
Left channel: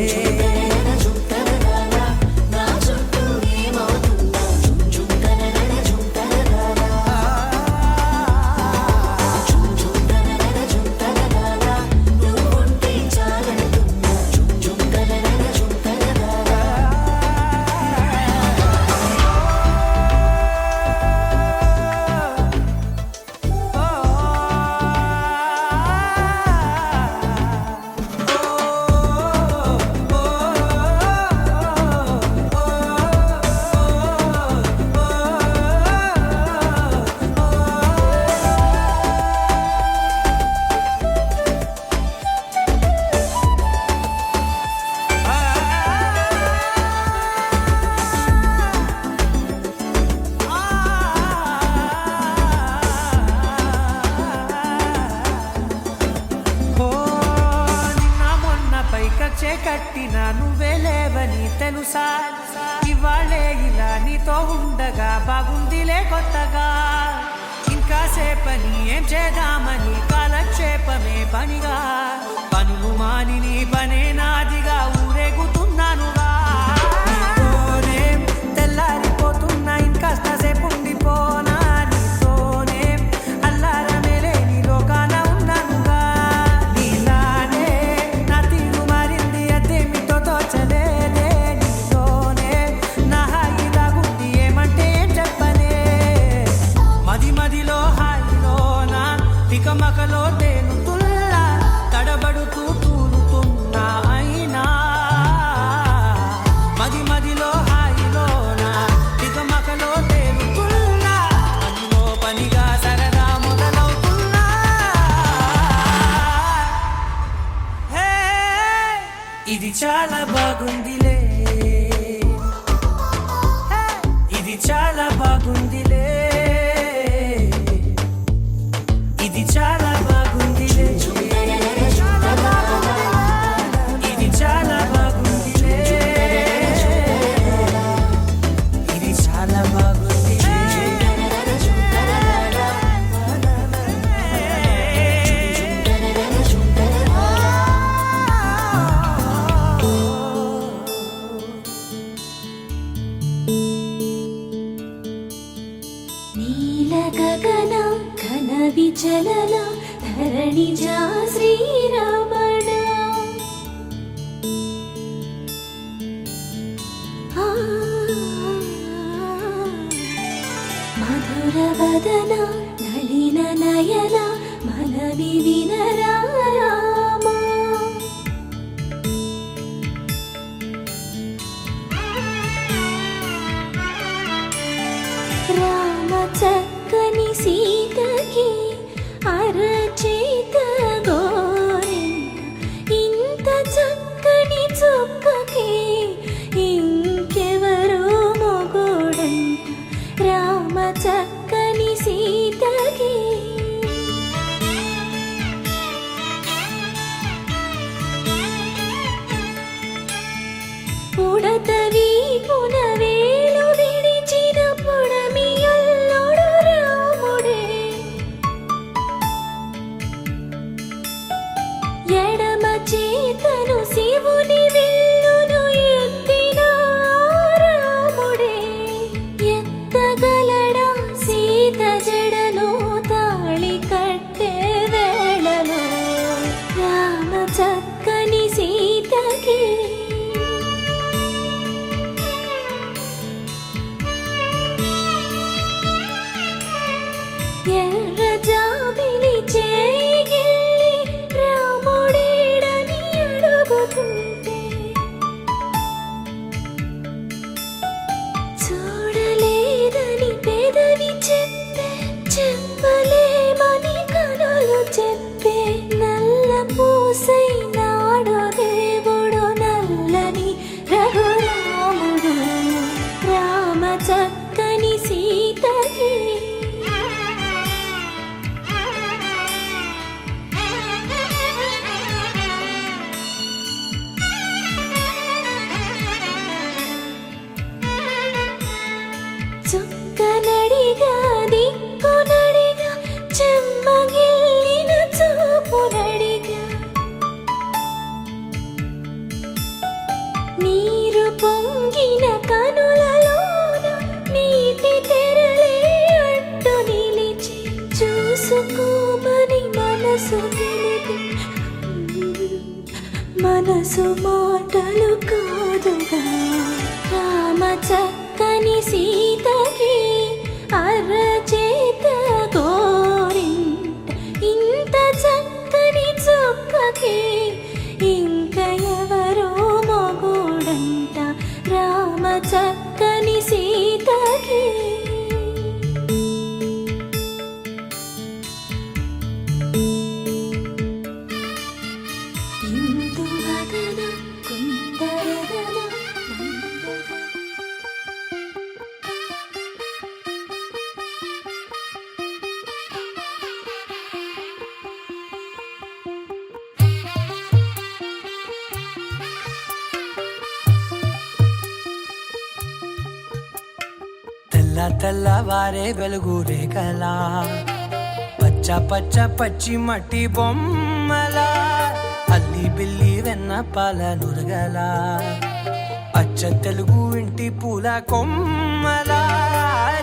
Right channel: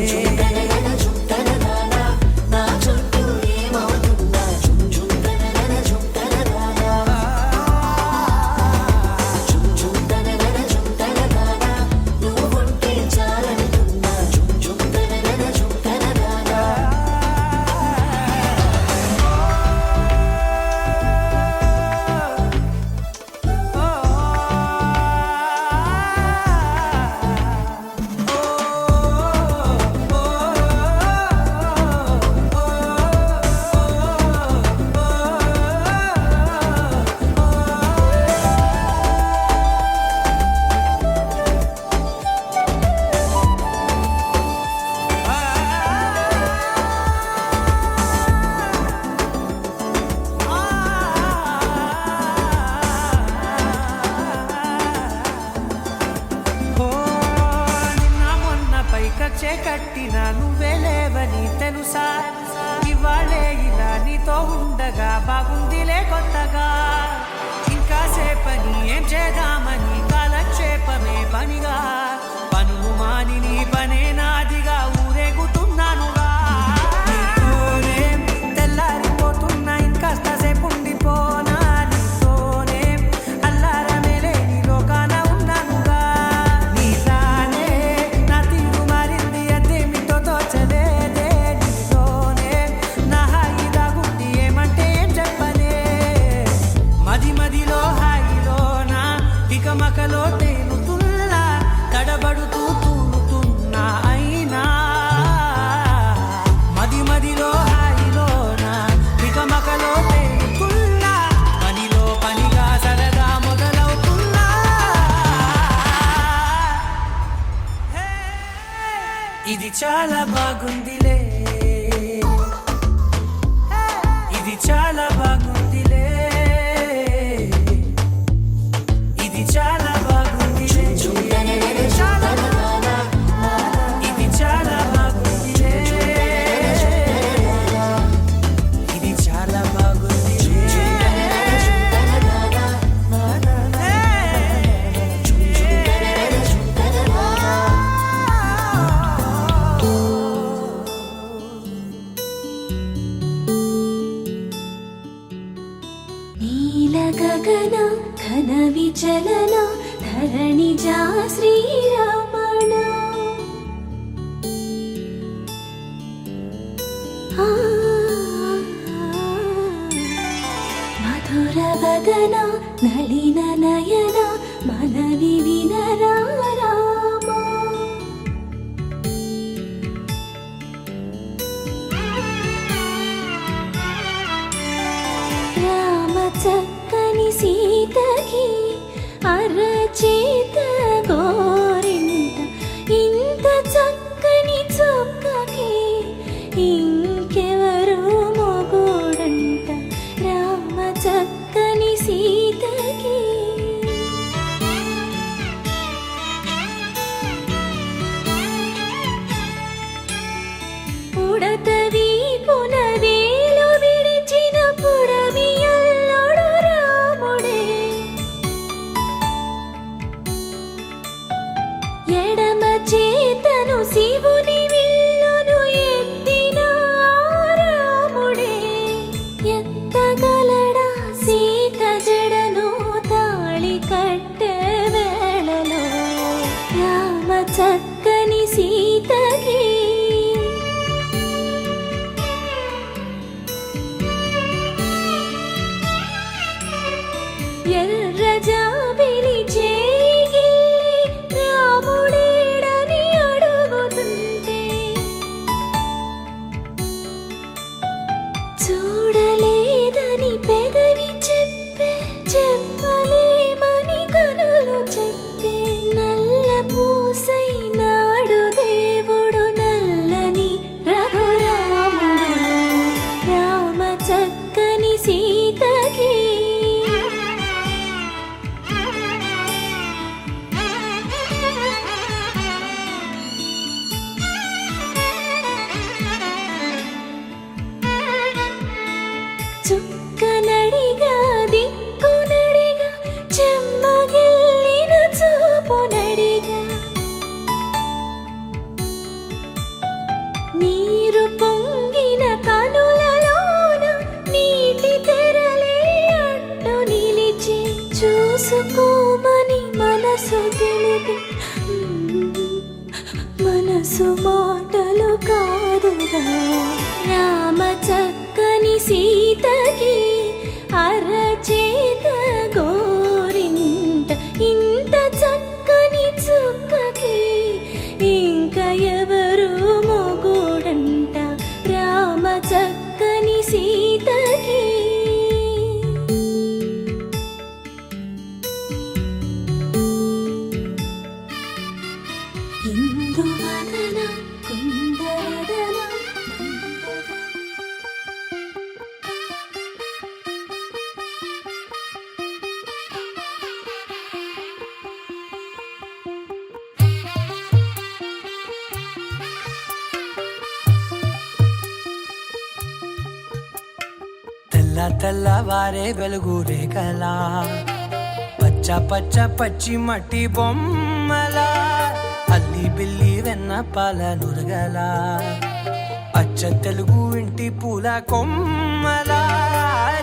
పైకచ్చే కట్టిన నువ్వే లేవని తెలుసా ఇవాళే ఇలా నీతో ఉండగా బాగుందిలే కొత్తగా ఇంకా సేపని ఏం చేద్దామని కాలక్షేపమే పనిగా పనులు మాని నీ పనే నాదిగా ఊరేగుతున్నానుగా నీతోనే తెల్లారిపోతున్నా ఇంకాస్త సేపు ఉండిపోనా నీతోనే అల్లారమే లేని లోకాన ఉన్నానుగా నీలానే నా తీరు మారింది అదేమిటో తోచలేదే నీతోనే నా హాయి దాగుంది ఏమంటే ఏం చెప్పనే మది మదిలో హాయిలోనా ఇక మకలో తేలుతున్నా తడబడుతూ తూలుతున్నా అయినా మది మదిలో హాయిలోనా ఇక మకలో తేలుతున్నా పనిలో పనిగా సరదా మొదలవుతున్నా హే ఇది చాలా బాగుందిలే హే ఇది చాలా బాగుందిలే ఇది చాలా బాగుందిలే చాలా బాగుందిలే ఇది చాలా బాగుందిలే ఇది చాలా బాగుందిలే నీల గగన ఘన విచలన ధరణి జా శ్రీరమణ మధుర వదన నలిన నయన మనవి వినరా రామా రామ చక్కని సీతకి అరచేత గోరింట ఇంత చక్కని చుక్కకి ఇంకెవరు మొగుడంట రామ చక్కని సీతకి పుడతవి పునవేలు విడిచిన పుడమియల్లోడు రాముడే ఎడమ చేతను శివుని విల్లును ఎత్తిన రాముడే ఎత్తగలడా సీత జడను తాళి కట్టే వేళలో రామ చక్కని సీతకి మనసు గిలికి మనసు మాటలు కాదుగా రామ చక్కని సీతకి అరచేత గోరింట ఇంత చక్కని చుక్కకి ఇంక ఎవరో మొగుడంట రామ చక్కని సీతకి ఇందువలన కుందరదన తెల్ల తెల్లవారే వెలుగు రేఖలా పచ్చ పచ్చ పచ్చి మట్టి బొమ్మలా అల్లి బిల్లి వెన్న పాల నురగలా అచ్చ తెలుగు ఇంటి పూల కొమ్మలా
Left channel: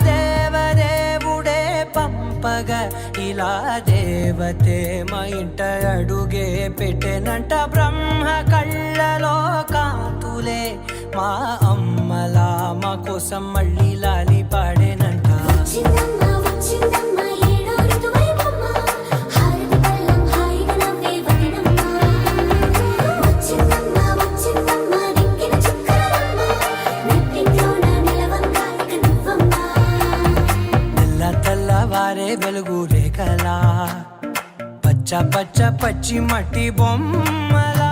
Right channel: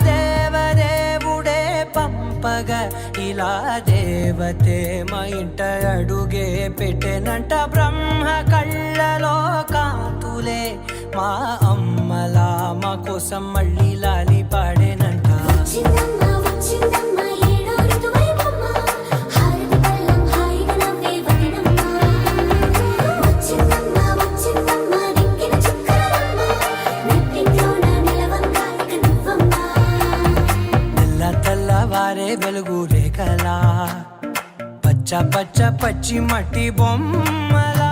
దేవదేవుడే పంపగా ఇలా దేవతే మా ఇంట అడుగే పెట్టెనంట బ్రహ్మ కళ్ళలో కాంతులే మా అమ్మలా మా కోసం మళ్ళీ లాలి పాడేనంట వచ్చిందమ్మ వచ్చిందమ్మ ఏడో ఋతువైవమ్మ హారతి పళ్ళం హాయిగా నవ్వే వదినమ్మ వచ్చిందమ్మ వచ్చిందమ్మ దిక్కిన చుక్కలమ్మ నెట్టింట్లోన నిలవంగా ఇక నువ్వమ్మ తెల్ల తెల్లవారే వెలుగు రేఖలా పచ్చ పచ్చ పచ్చి మట్టి బొమ్మలా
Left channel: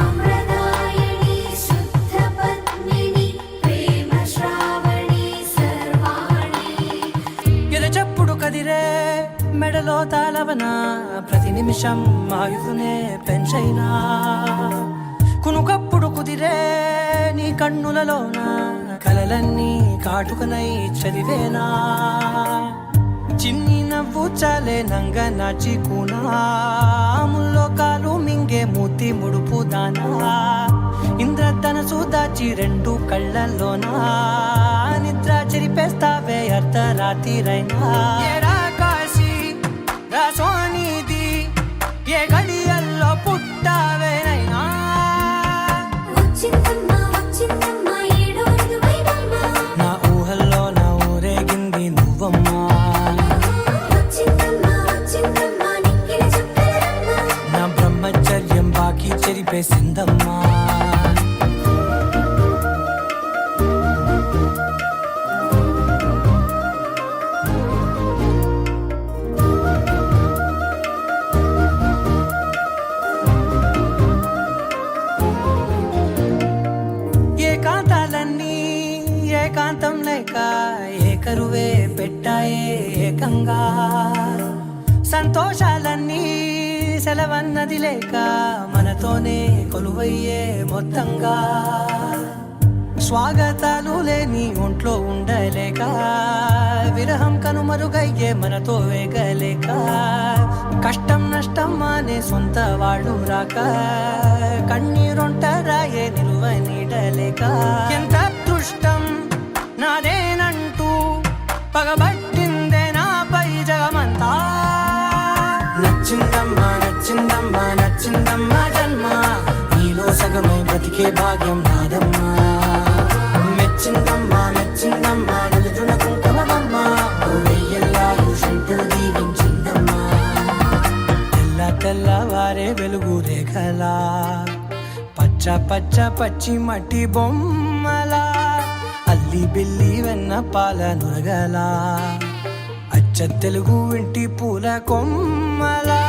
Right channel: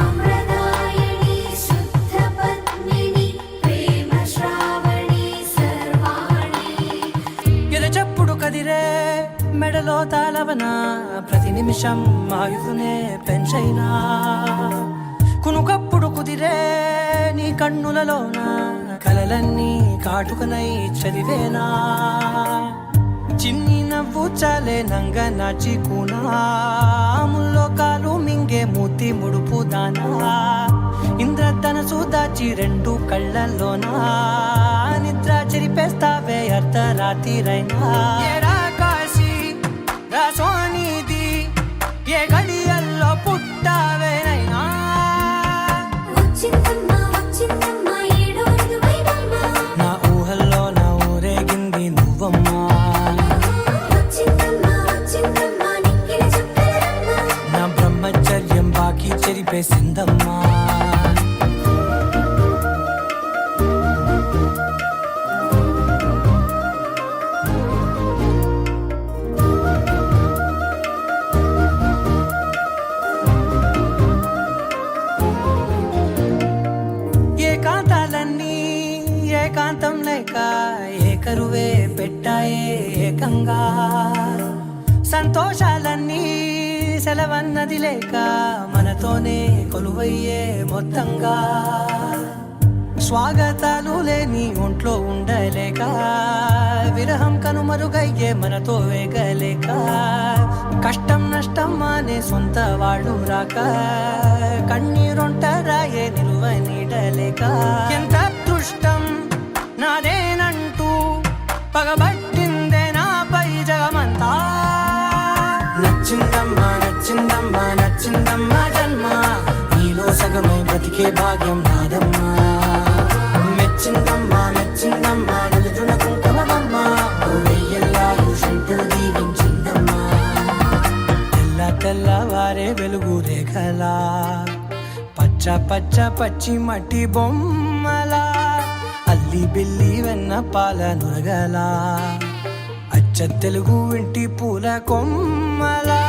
సాంప్రదాయని శుద్ధ పద్మిని ప్రేమ శ్రావణి సర్వాణి ఎరచప్పుడు కదిరే మెడలో తాళవన ప్రతి నిమిషం ఆయుధునే పెంచైనా కునుకప్పుడు కుదిరే నీ కన్నులలోన కలలన్నీ కాటుకనై చదివేనా చిన్ని నవ్వు చాలే నంగ నాచి కూనాముల్లో కాలు మింగే మూతి ముడుపు దానా ఇంద్రధనసు దాచి రెండు కళ్ళల్లోనా నిద్ర చెరిపేస్తావే అర్ధరాత్రిరైనా ఏరా కాశీ రా సోనిది ఏ గడియల్లో పుట్టావేనైనా వచ్చిందమ్మ వచ్చిందమ్మ ఏడో ఋతువైవమ్మ నా ఊహల్లో నా ఊరేగింది నువ్వమ్మా వచ్చిందమ్మ వచ్చిందమ్మ నిక్కిన చుక్కలమ్మ నా బ్రహ్మచర్యం బాకీ చెరిపేసిందమ్మా ఏకాంతాలన్నీ ఏకాంతం లేక ఏకరువే పెట్టాయే ఏకంగా సంతోషాలన్నీ సెలవన్నది లేక మనతోనే కొలువయ్యే మొత్తంగా స్వాగతాలు లేని ఒంట్లో ఉండలేక విరహం కనుమరుగయ్యే మనతో వేగలేక కష్టం నష్టం అనే సొంత వాళ్ళు రాక కన్నీరొంటరాయే నిలువ నీడలేక ఎంత అదృష్టం నాదేనంటూ పగబట్టిందే నాపై జగమంతా నచ్చిందమ్మా నచ్చిందమ్మా నచ్చిందమ్మా జన్మ నీలో సగమై బ్రతికే భాగ్యం నాదమ్మా మెచ్చిందమ్మా మెచ్చిందమ్మా నిలుచున్న కుంకుమమ్మ వెయ్యల్లాలు శంకులు దీవించిందమ్మా తెల్ల తెల్లవారే వెలుగు రేఖలా పచ్చ పచ్చ పచ్చి మట్టి బొమ్మలా అల్లి బిల్లి వెన్న పాల నురగలా అచ్చ తెలుగు ఇంటి పూల కొమ్మలా